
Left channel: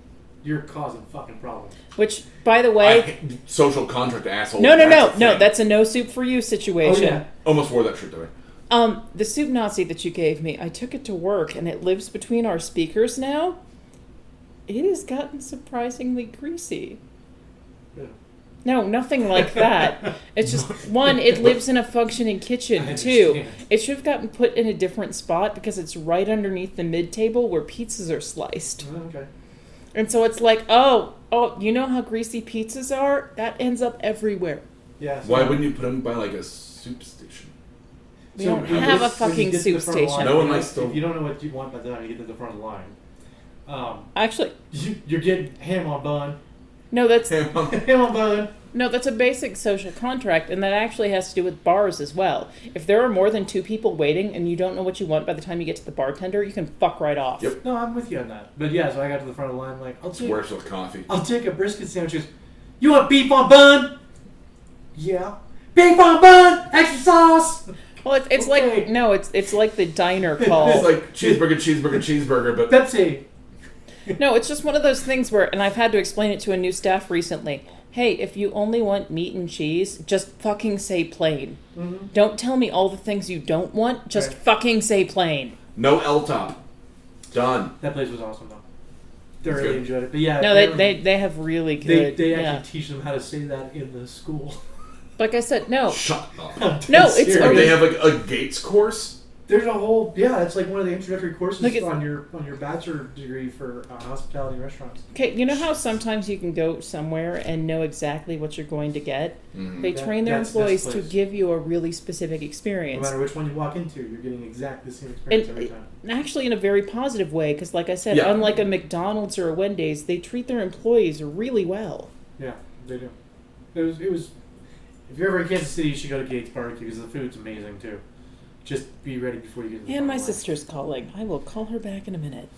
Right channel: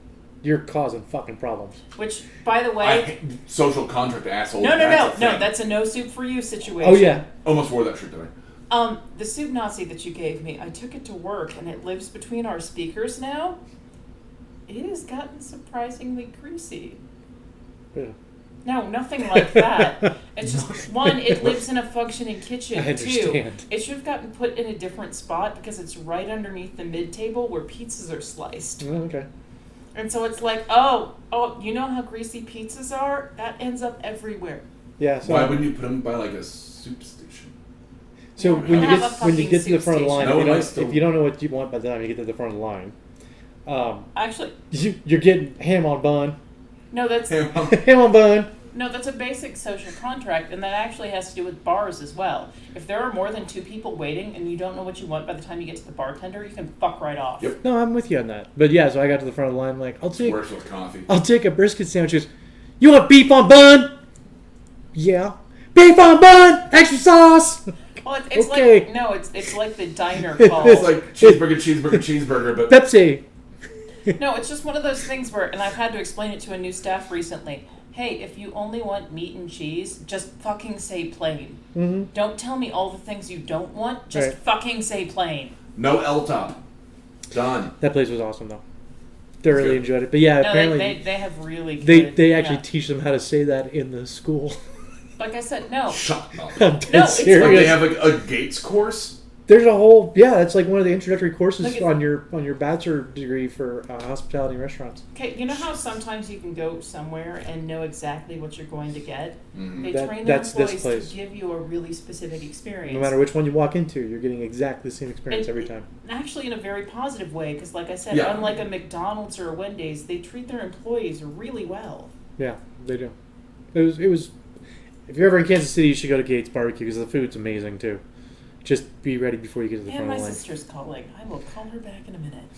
you're causing fucking problems. Which, by the way, social contract assholes. No. That's a no soup for you situation. Oh yeah, almost wore that shirt today. The soup Nazi that you gave me, I took it to work, and it lives between our speakers now. It has gotten surprisingly greasy. Yeah. No, nothing like that. It's just, one, it lives in a functioning kitchen. I Two, understand. it should have gotten put in a different spot because it's right underneath the mid-table where pizzas are sliced. Oh, okay. And so it's like, oh, you know how greasy pizzas are? That ends up everywhere. Yeah. So Why wouldn't you put them by like a soup station? We don't have a when you fucking get to the soup front of the station. line, No one if likes to- you don't know what you want by the time you get to the front of the line, Actually, you're getting ham on bun. no, that's Ham on bun. no, that's a basic social contract, and that actually has to do with bars as well. If there are more than 2 people waiting and you don't know what you want by the time you get to the bartender, you can fuck right off. Yep. No, I'm with you on that. But yeah, so I got to the front of the line. I'm like, Works with coffee. I'll take a brisket sandwich. She goes, you want beef on bun? Yeah. Beef on bun, extra sauce. Well, it's Okay. like no, it's like the diner call. It's like cheeseburger, but Pepsi. No, it's just one of those things where, and I've had to explain it to a new staff recently. Hey, if you only want meat and cheese, just fucking say plain. Mm-hmm. Don't tell me all the things you don't want. Just Right. fucking say plain. no L top. Done. That place was awesome though. Thoroughly good. enjoyed it. But yeah, No, apparently they have really good. they actually yeah. teach them how to say that in the school. Like I said, no. Shut up. I'm dead No, it's serious. Like they have like a Gates course. There's a whole it's like one of the introductory courses Look, it's- on your bachelor degree for hospitality and restaurants. Okay, you know how sometimes you can go somewhere and know exactly what you're going to get? Mhm. They That- train their that's this employees to place. give you a really specific experience. No matter which one you walk into, you're getting exactly the same experience every time. Actually, in a very positive way, because like I said, Yeah. unlike a McDonald's or a Wendy's, they treat their employees really well. Yeah, they do. It was. If you're ever in Kansas City, you should go to Gates Barbecue because the food's amazing too. Just be ready before you get to the And front my of the line. sister's calling. I will call her back in a minute.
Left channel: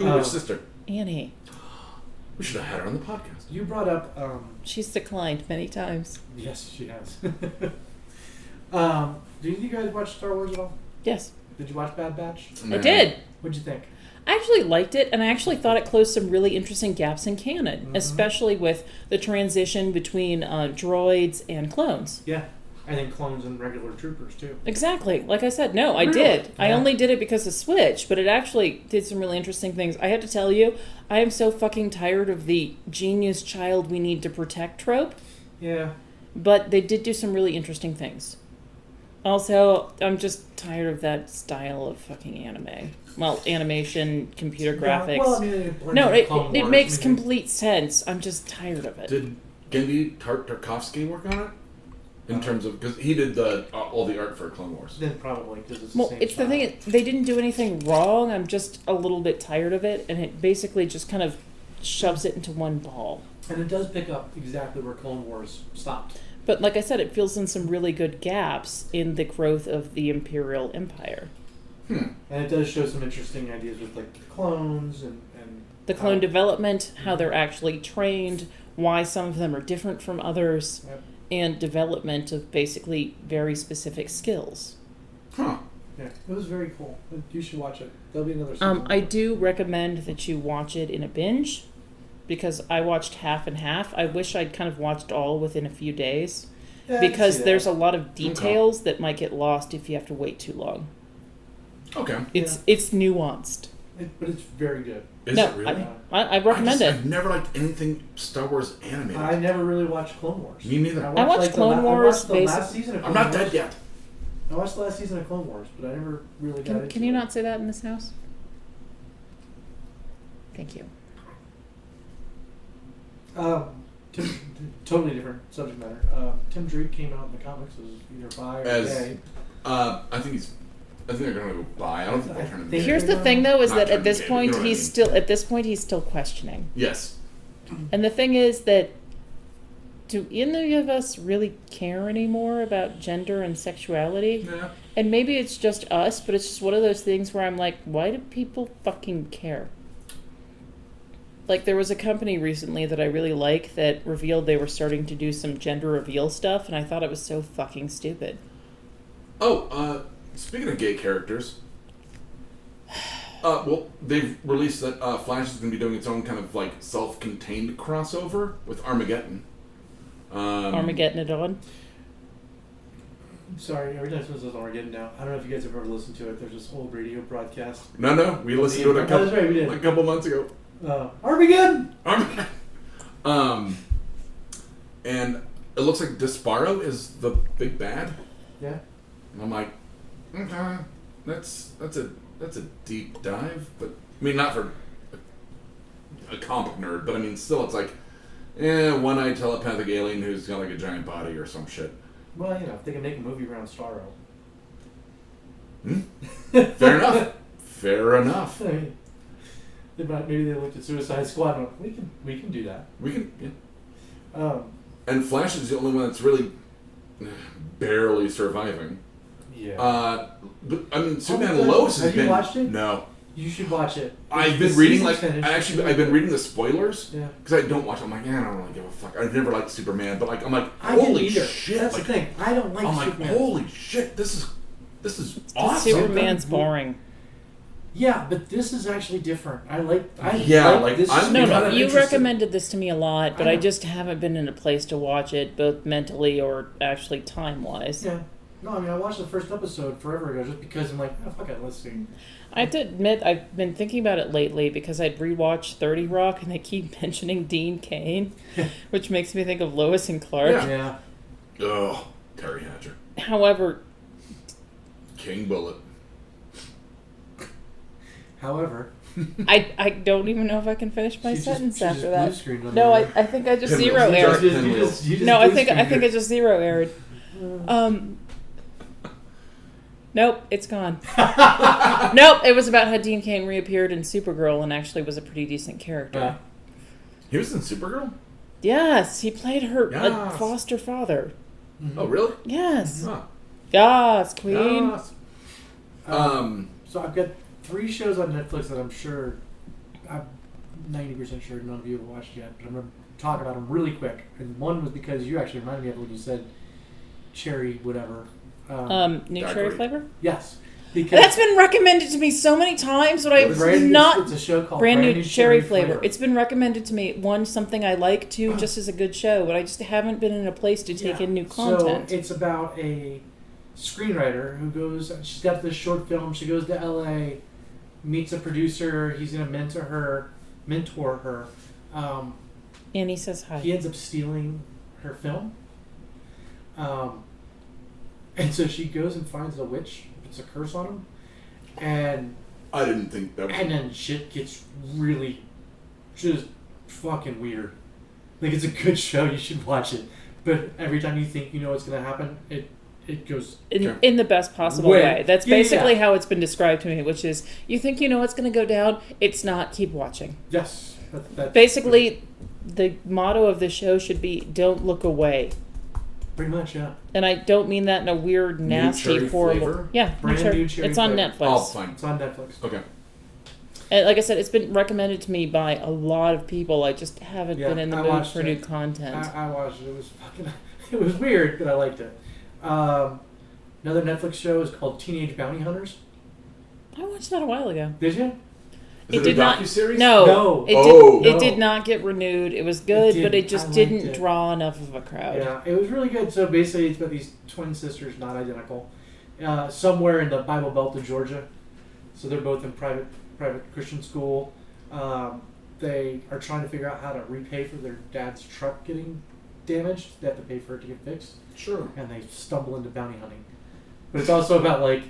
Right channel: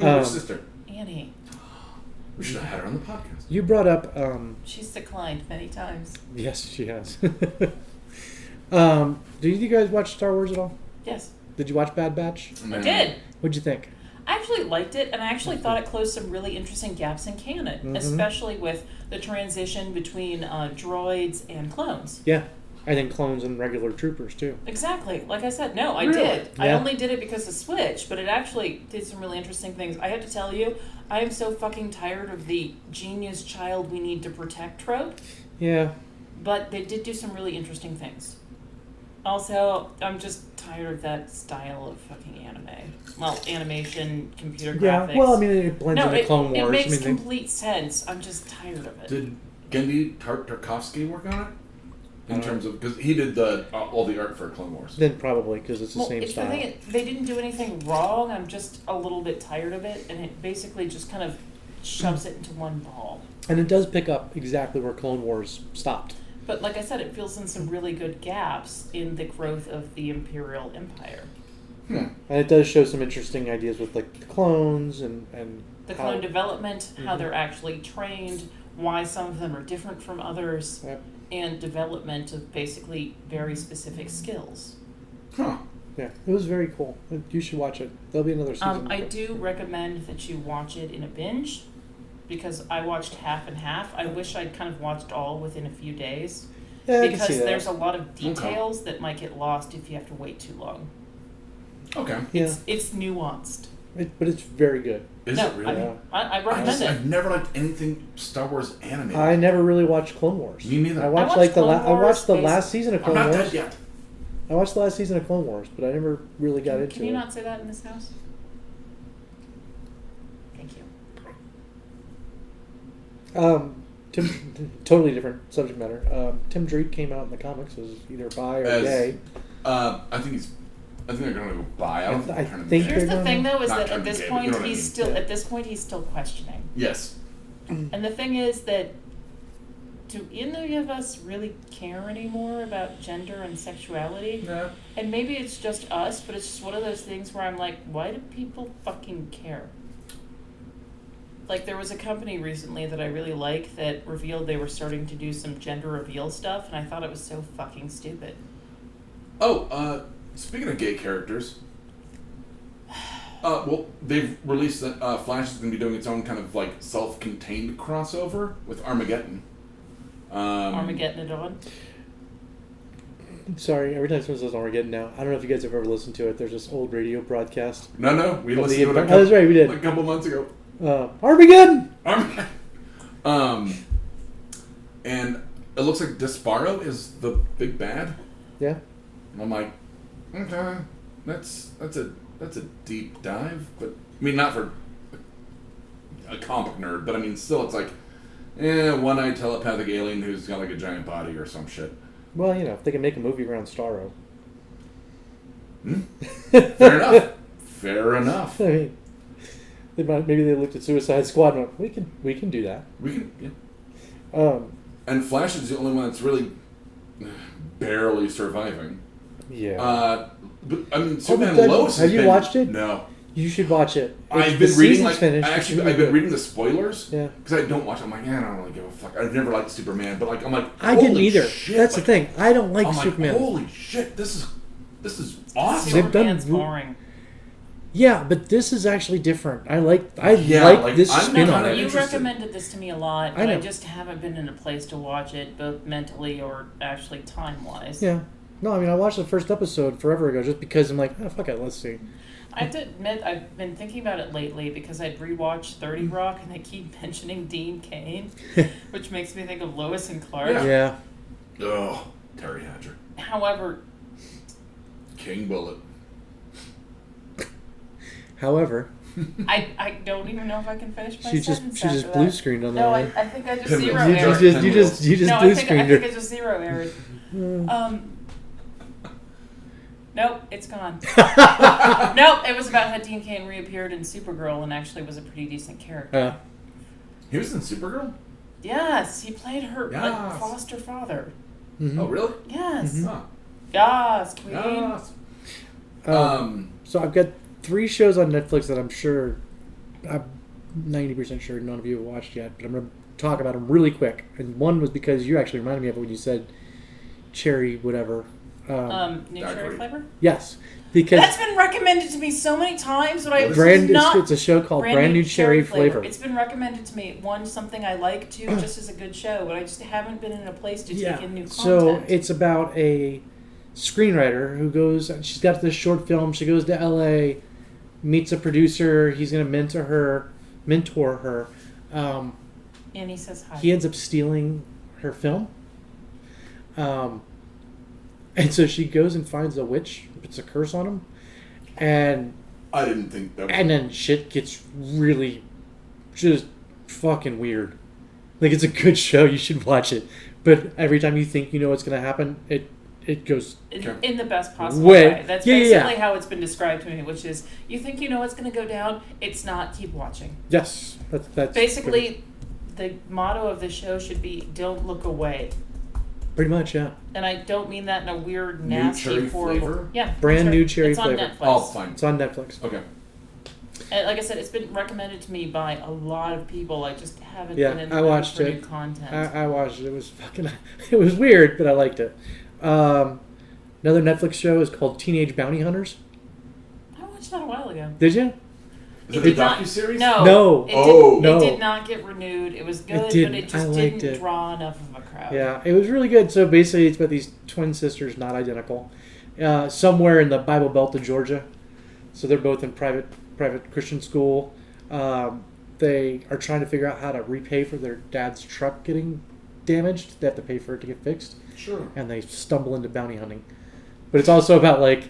Ooh, Oh. her sister. Annie. We should have had her on the podcast. You brought up. She's declined many times. Yes, she has. Did you guys watch Star Wars at all? Yes, Did you watch Bad Batch? I did. What'd you think? I actually liked it, and I actually thought it closed some really interesting gaps in canon, especially with the transition between droids and clones. Yeah, I think clones and regular troopers too. Exactly. Like I said, no, I Really? did. I Yeah. only did it because of Switch, but it actually did some really interesting things. I have to tell you, I am so fucking tired of the genius child we need to protect trope, Yeah. but they did do some really interesting things. Also, I'm just tired of that style of fucking anime. Well, animation, computer graphics. Well, I mean, it blends no, into Clone Wars. it makes I mean, complete sense. I'm just tired of it. Did Gendy Tarkovsky work on it? In terms of, because he did all the art for Clone Wars. Then probably because it's the Well, same it's style. the thing. They didn't do anything wrong. I'm just a little bit tired of it, and it basically just kind of shoves it into one ball. And it does pick up exactly where Clone Wars stopped. But like I said, it fills in some really good gaps in the growth of the Imperial Empire. And it does show some interesting ideas with like the clones and The clone how- development, how they're actually trained, why some of them are different from others, Yep. and development of basically very specific skills. Huh. Yeah, it was very cool. You should watch it. There'll be another season. I do recommend that you watch it in a binge, because I watched half and half. I wish I'd kind of watched all within a few days, Yeah, I can because see that. there's a lot of details that might get lost if you have to wait too long. Okay. It's nuanced. But it's very good. Is No, it really? I recommend it. I've never liked anything Star Wars animated. I never really watched Clone Wars. Me neither. I watched, watched like Clone I Wars, watched the last season of I'm Clone not Wars. dead yet. I watched the last season of Clone Wars, but I never really got into it. Can you not say that in this house? Thank you. Totally different subject matter. Tim Drake came out in the comics as either bi or gay. I think they're gonna go by. I don't think they're trying to think be Here's gay. the thing, though, is Not that trying at to be this gay, but you point know what I he's mean. still questioning. Yes. And the thing is that, do any of us really care anymore about gender and sexuality? No. And maybe it's just us, but it's just one of those things where I'm like, why do people fucking care? Like, there was a company recently that I really like that revealed they were starting to do some gender reveal stuff, and I thought it was so fucking stupid. Oh, speaking of gay characters, well, they've released that Flash is going to be doing its own kind of like self-contained crossover with Armageddon. Armageddon it on. I'm sorry. Every time someone says Armageddon now, I don't know if you guys have ever listened to it. There's this old radio broadcast. No, we listened to it that's right, we did. a couple months ago. Armageddon! And it looks like Desparo is the big bad. Yeah. And I'm like, okay, that's a deep dive, but I mean not for a comic nerd, but I mean still it's like, one-eyed telepathic alien who's got like a giant body or some shit. Well, if they can make a movie around Starro. Fair enough. Fair enough. I mean, maybe they looked at Suicide Squad and went, we can do that. We can, yeah. And Flash is the only one that's really barely surviving. Yeah. But I mean, Superman and Lois have you watched it? No. You should watch it. I've been reading I've been reading the spoilers. Yeah. Because I don't watch. I'm like, I don't really give a fuck. I've never liked Superman, but I'm like, I didn't either. Shit. That's the thing. I don't like Superman. Like, holy shit, this is awesome. Superman's boring. Yeah, but this is actually different. I like this. You recommended this to me a lot, but I just haven't been in a place to watch it, both mentally or actually time-wise. Yeah. No, I mean, I watched the first episode forever ago just because I'm like, oh, fuck it, let's see. I have to admit, I've been thinking about it lately because I'd rewatched 30 Rock and they keep mentioning Dean Cain, which makes me think of Lois and Clark. Yeah. Oh, Terry Hatcher. However... King Bullet. However... I don't even know if I can finish my sentence after that. She just blue screened on that. No, I think I just zero-erred. You just no, I think I just zero-erred. Nope, it's gone. Nope, it was about how Dean Cain reappeared in Supergirl and actually was a pretty decent character. He was in Supergirl? Yes, he played her foster father. Mm-hmm. Oh, really? Yes. Mm-hmm. Yes, Queen. Yes. So I've got 3 shows on Netflix that I'm 90% sure none of you have watched yet, but I'm going to talk about them really quick. And one was because you actually reminded me of it when you said cherry whatever. New cherry flavor? Yes. Because that's been recommended to me so many times, but I've not... It's a show called Brand New Cherry Flavor. It's been recommended to me. One, something I like. Two, just as a good show, but I just haven't been in a place to take in new content. So it's about a screenwriter who goes... She's got this short film. She goes to L.A., meets a producer. He's going to mentor her. And he says hi. He ends up stealing her film. And so she goes and finds a witch, puts a curse on him, and I didn't think that. And then shit gets really, just fucking weird. Like, it's a good show, you should watch it. But every time you think you know what's going to happen, it goes in the best possible way. That's basically how it's been described to me, which is you think you know what's going to go down, it's not. Keep watching. Yes, that's basically the motto of the show should be "Don't look away." Pretty much, yeah. And I don't mean that in a weird, nasty, horrible... Flavor? Yeah. Brand New Cherry It's Flavor. on Netflix. Oh, fine. It's on Netflix. Okay. And like I said, it's been recommended to me by a lot of people. I just haven't been in the mood for new content. I watched it. It was fucking... It was weird, but I liked it. Another Netflix show is called Teenage Bounty Hunters. I watched that a while ago. Did you? Is it a docuseries? No. It did not get renewed. It was good, but it just didn't draw enough of a crowd. Yeah, it was really good. So basically, it's about these twin sisters, not identical, somewhere in the Bible Belt of Georgia. So they're both in private Christian school. They are trying to figure out how to repay for their dad's truck getting damaged. They have to pay for it to get fixed. Sure. And they stumble into bounty hunting. But it's also about, like,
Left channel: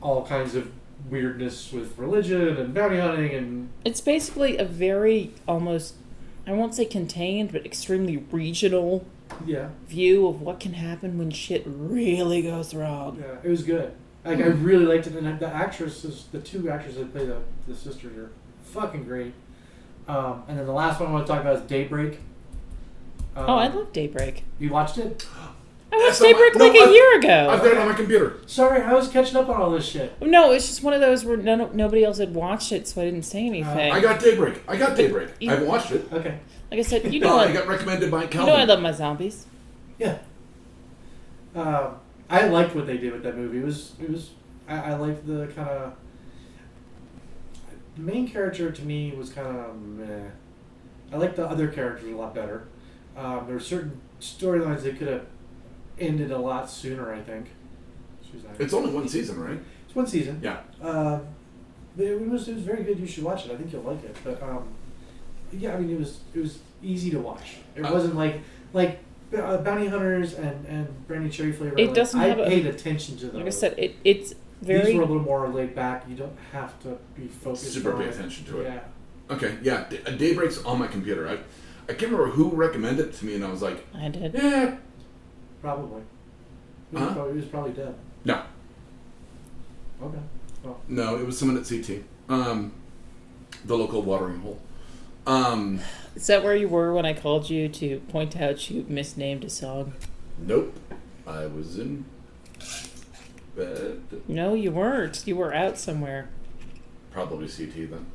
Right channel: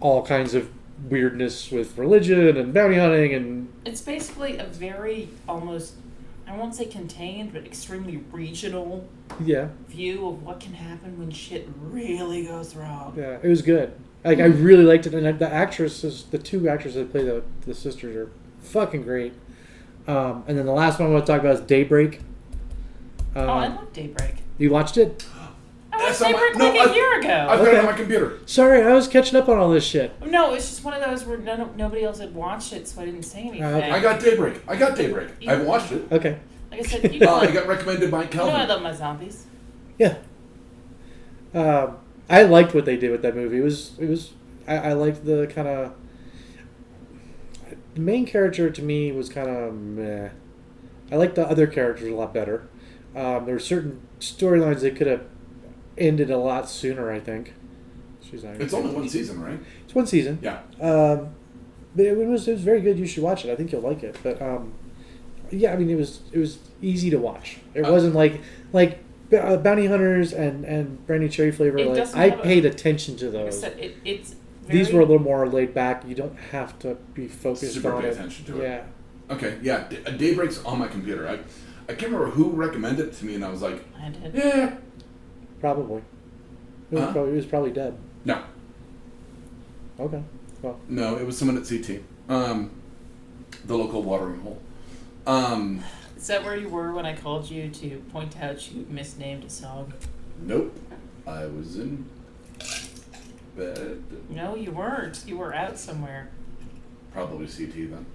all kinds of weirdness with religion and bounty hunting, and it's basically a very almost, I won't say contained, but extremely regional view of what can happen when shit really goes wrong. Yeah, it was good. Like, I really liked it, and the 2 actresses that play the sisters are fucking great. And then the last one I want to talk about is Daybreak. I love Daybreak. You watched it? I watched Daybreak a year ago. I've got it on my computer. Sorry, I was catching up on all this shit. No, it's just one of those where nobody else had watched it, so I didn't say anything. I got Daybreak. I haven't watched it. Okay. Like I said, you know I got recommended by Calvin. You know I love my zombies. Yeah. I liked what they did with that movie. It was. I liked the kind of. The main character to me was kind of meh. I liked the other characters a lot better. There were certain storylines they could have ended a lot sooner, I think. It's only one season, right? It's one season. Yeah. But it was very good. You should watch it. I think you'll like it. But yeah, I mean, it was easy to watch. It wasn't like Bounty Hunters and Brandy Cherry Flavor. I paid attention to those. Like I said, it's very... These were a little more laid back. You don't have to be focused. Super on pay attention to it. Yeah. Okay. Yeah. Daybreak's on my computer. I can't remember who recommended it to me, and I was like, I did. Yeah. Probably. It was probably dead. No. Okay. Well. No, it was someone at CT. The local watering hole. Is that where you were when I called you to point out you misnamed a song? Nope. I was in bed. No, you weren't. You were out somewhere. Probably CT then.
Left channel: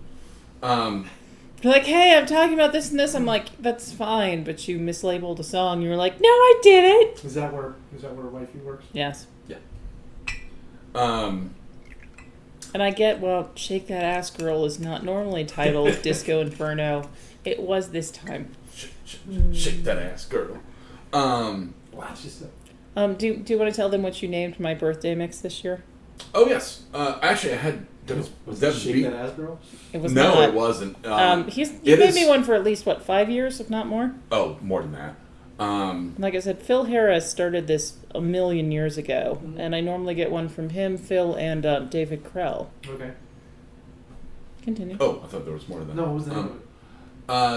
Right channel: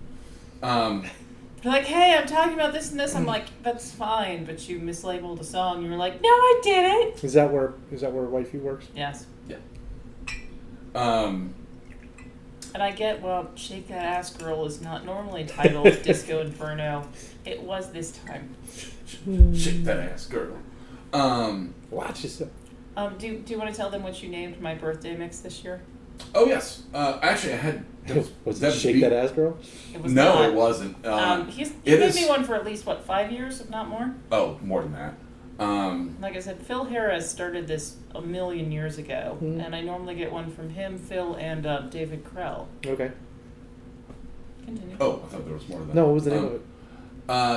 You're like, hey, I'm talking about this and this. I'm like, that's fine, but you mislabeled a song. You were like, no, I didn't. Is that where wifey works? Yes. Yeah. And I get, well, Shake That Ass Girl is not normally titled Disco Inferno. It was this time. Shake that ass, girl. Watch yourself. Do you want to tell them what you named my birthday mix this year? Oh, yes. Actually, I had... Was that Shake That Ass Girl? It was no, not. It wasn't. He gave me one for at least, 5 years, if not more? Oh, more than that. Like I said, Phil Harris started this a million years ago, and I normally get one from him, Phil, and David Krell. Okay. Continue. Oh, I thought there was more to that. No, what was the name of it?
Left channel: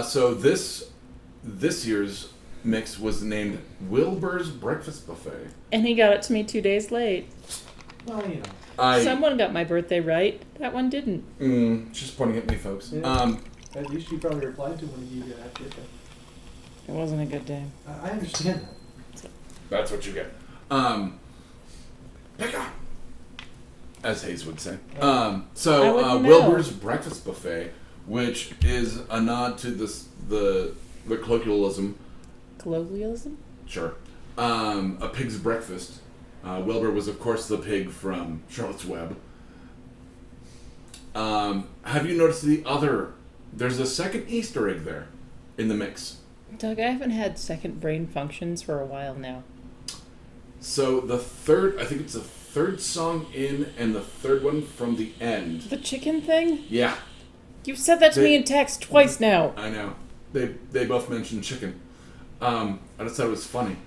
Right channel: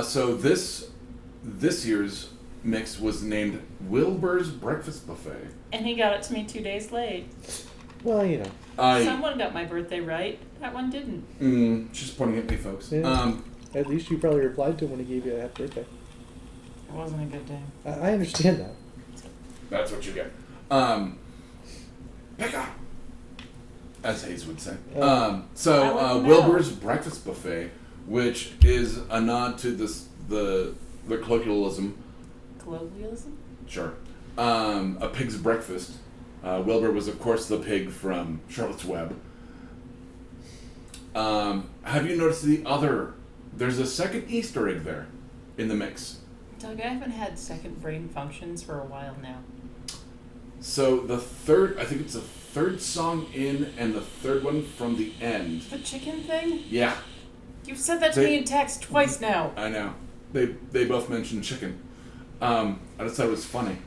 So this year's mix was named Wilbur's Breakfast Buffet. And he got it to me 2 days late. Well, you know. Someone got my birthday right. That one didn't. Just pointing at me, folks. Yeah. At least you probably replied to him when he gave you a happy birthday. It wasn't a good day. I understand that. That's what you get. Pick up, as Hayes would say. Wilbur's Breakfast Buffet, which is a nod to the colloquialism. Colloquialism? Sure. A pig's breakfast. Wilbur was, of course, the pig from Charlotte's Web. Have you noticed there's a second Easter egg there in the mix? Doug, I haven't had second brain functions for a while now. So I think it's the third song in and the third one from the end. The chicken thing? Yeah. You've said that to me in text twice now. I know. They both mentioned chicken. I just thought it was funny.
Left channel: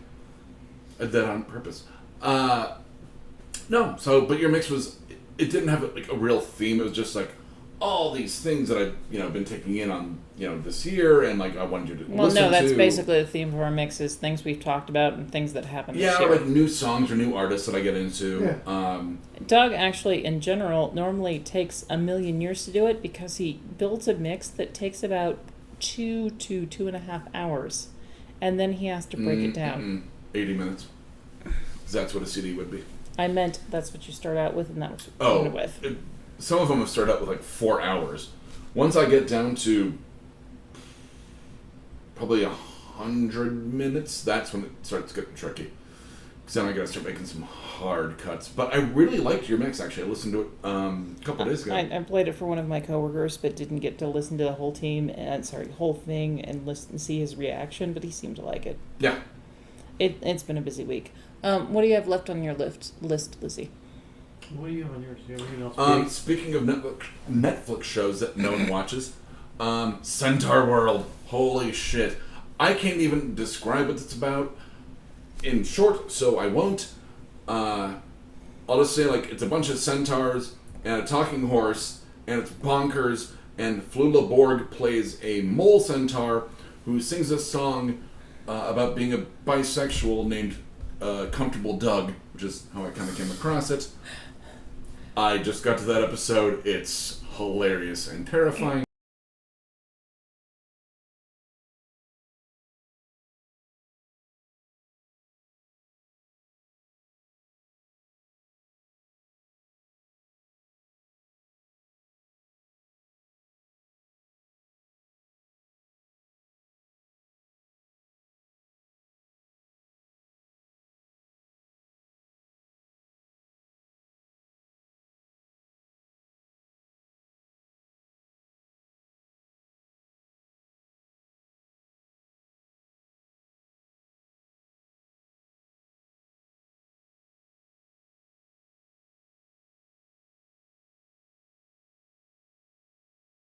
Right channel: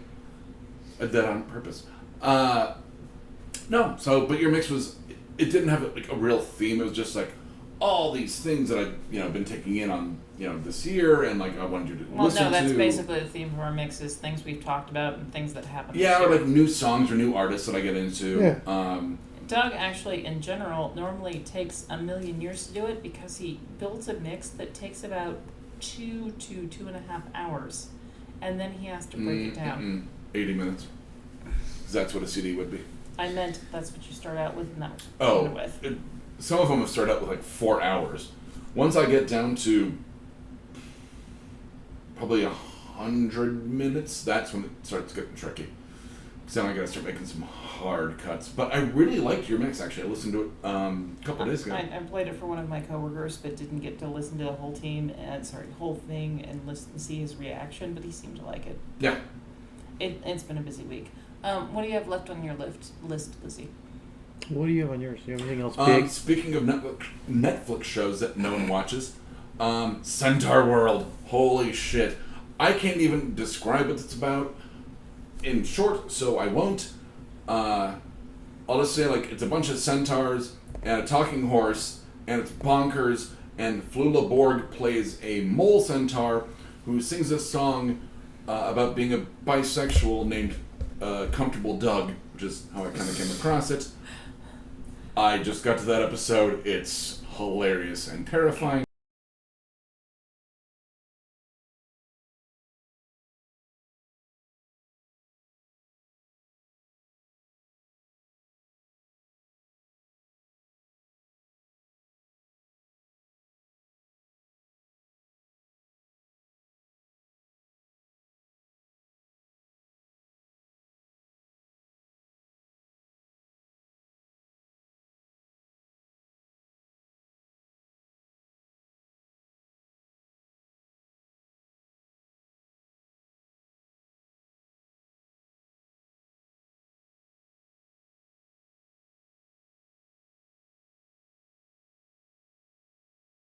I did that on purpose. No, but your mix it didn't have a real theme. It was just all these things that I've been taking in on this year, and I wanted you to listen to. Well, no, that's basically the theme of our mix is things we've talked about and things that happen. Yeah, this year. or new songs or new artists that I get into. Yeah. Doug actually, in general, normally takes a million years to do it because he builds a mix that takes about 2 to 2.5 hours, and then he has to break it down. 80 minutes. Because that's what a CD would be. I meant that's what you start out with, and that was what you ended with. Some of them have started out with 4 hours. Once I get down to probably 100 minutes, that's when it starts getting tricky. Because then I gotta start making some hard cuts. But I really liked your mix, actually. I listened to it a couple days ago. I played it for one of my coworkers, but didn't get to listen to the whole whole thing and listen and see his reaction, but he seemed to like it. Yeah. It's been a busy week. What do you have left on your list, Lizzie? What do you have on yours? Do you have anything else big? Speaking of Netflix shows that no one watches, Centaur World. Holy shit. I can't even describe what it's about in short, so I won't. I'll just say, it's a bunch of centaurs and a talking horse, and it's bonkers, and Flula Borg plays a mole centaur who sings a song about being a bisexual named Comfortable Doug, which is how I kind of came across it. I just got to that episode. It's hilarious and terrifying.